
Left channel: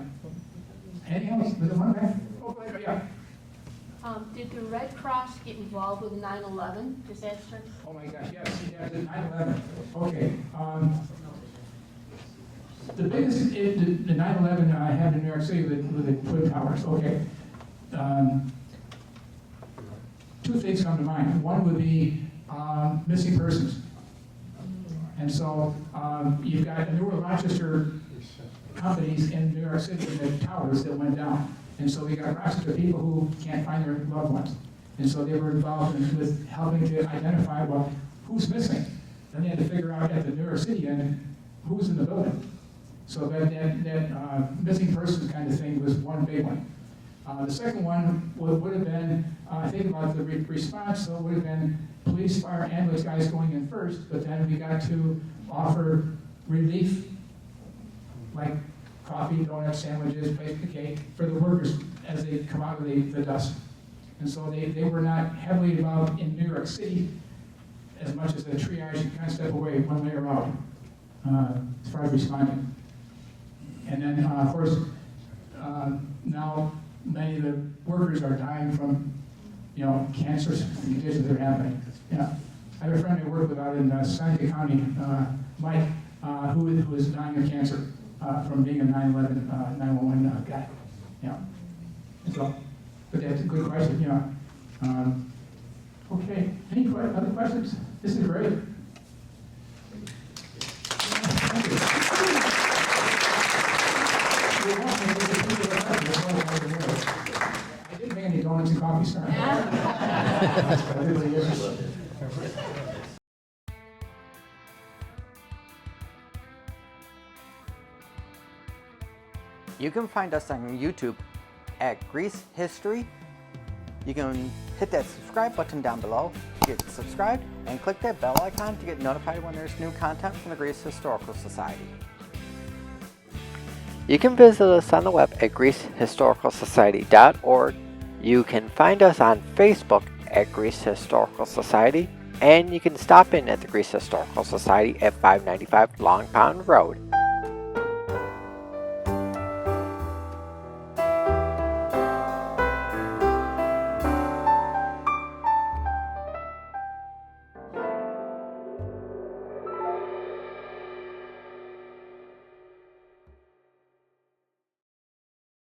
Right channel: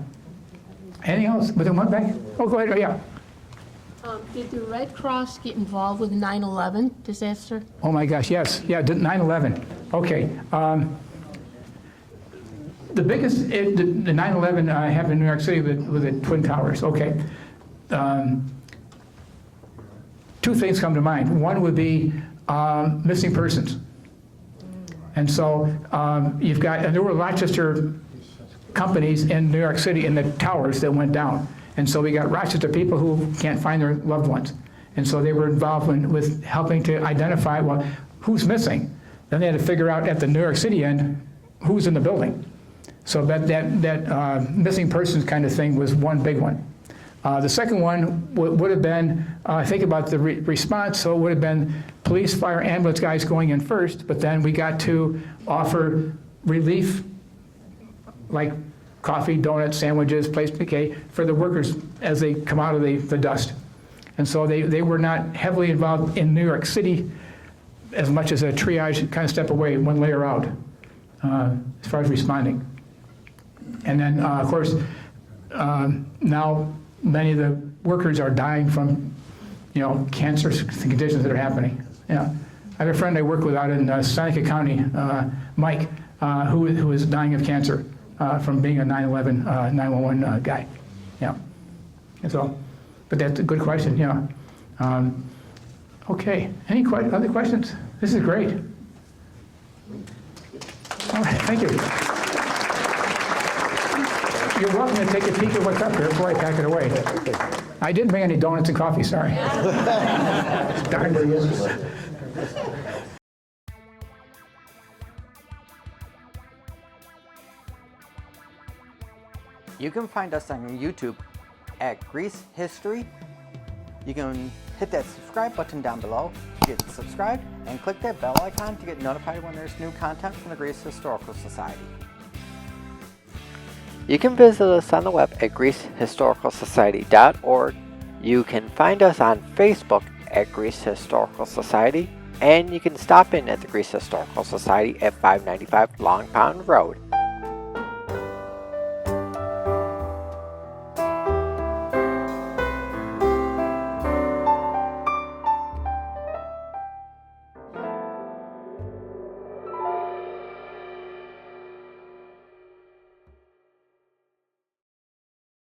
Anything else? Was there one back? Oh, go ahead. Oh, yeah. Did the Red Cross get involved with 9/11 disaster? Oh my gosh, yes. Yeah, 9/11. Okay. The biggest, the 9/11 happened in New York City with the Twin Towers. Okay. Two things come to mind. One would be missing persons. And so you've got, and there were Rochester companies in New York City in the towers that went down. And so we got Rochester people who can't find their loved ones. And so they were involved with helping to identify, well, who's missing? Then they had to figure out at the New York City end, who's in the building. So that missing persons kind of thing was one big one. The second one would have been, think about the response, so it would have been police, fire, ambulance guys going in first, but then we got to offer relief, like coffee, donuts, sandwiches, place piquet, for the workers as they come out of the dust. And so they were not heavily involved in New York City as much as a triage kind of step away, one layer out, as far as responding. And then, of course, now many of the workers are dying from, cancer conditions that are happening. Yeah, I have a friend I work with out in Seneca County, Mike, who is dying of cancer from being a 9/11 911 guy. Yeah, that's all. But that's a good question. Yeah. Okay. Any other questions? This is great. All right, thank you. You're welcome to take a peek at what's up there. That's why I packed it away. I didn't bring any donuts and coffee, sorry. Darn. You can find us on YouTube at Grease History. You can hit that subscribe button down below to get subscribed and click that bell icon to get notified when there's new content from the Grease Historical Society. You can visit us on the web at greasehistoricalsociety.org. You can find us on Facebook at Grease Historical Society, and you can stop in at the Grease Historical Society at 595 Long Pond Road.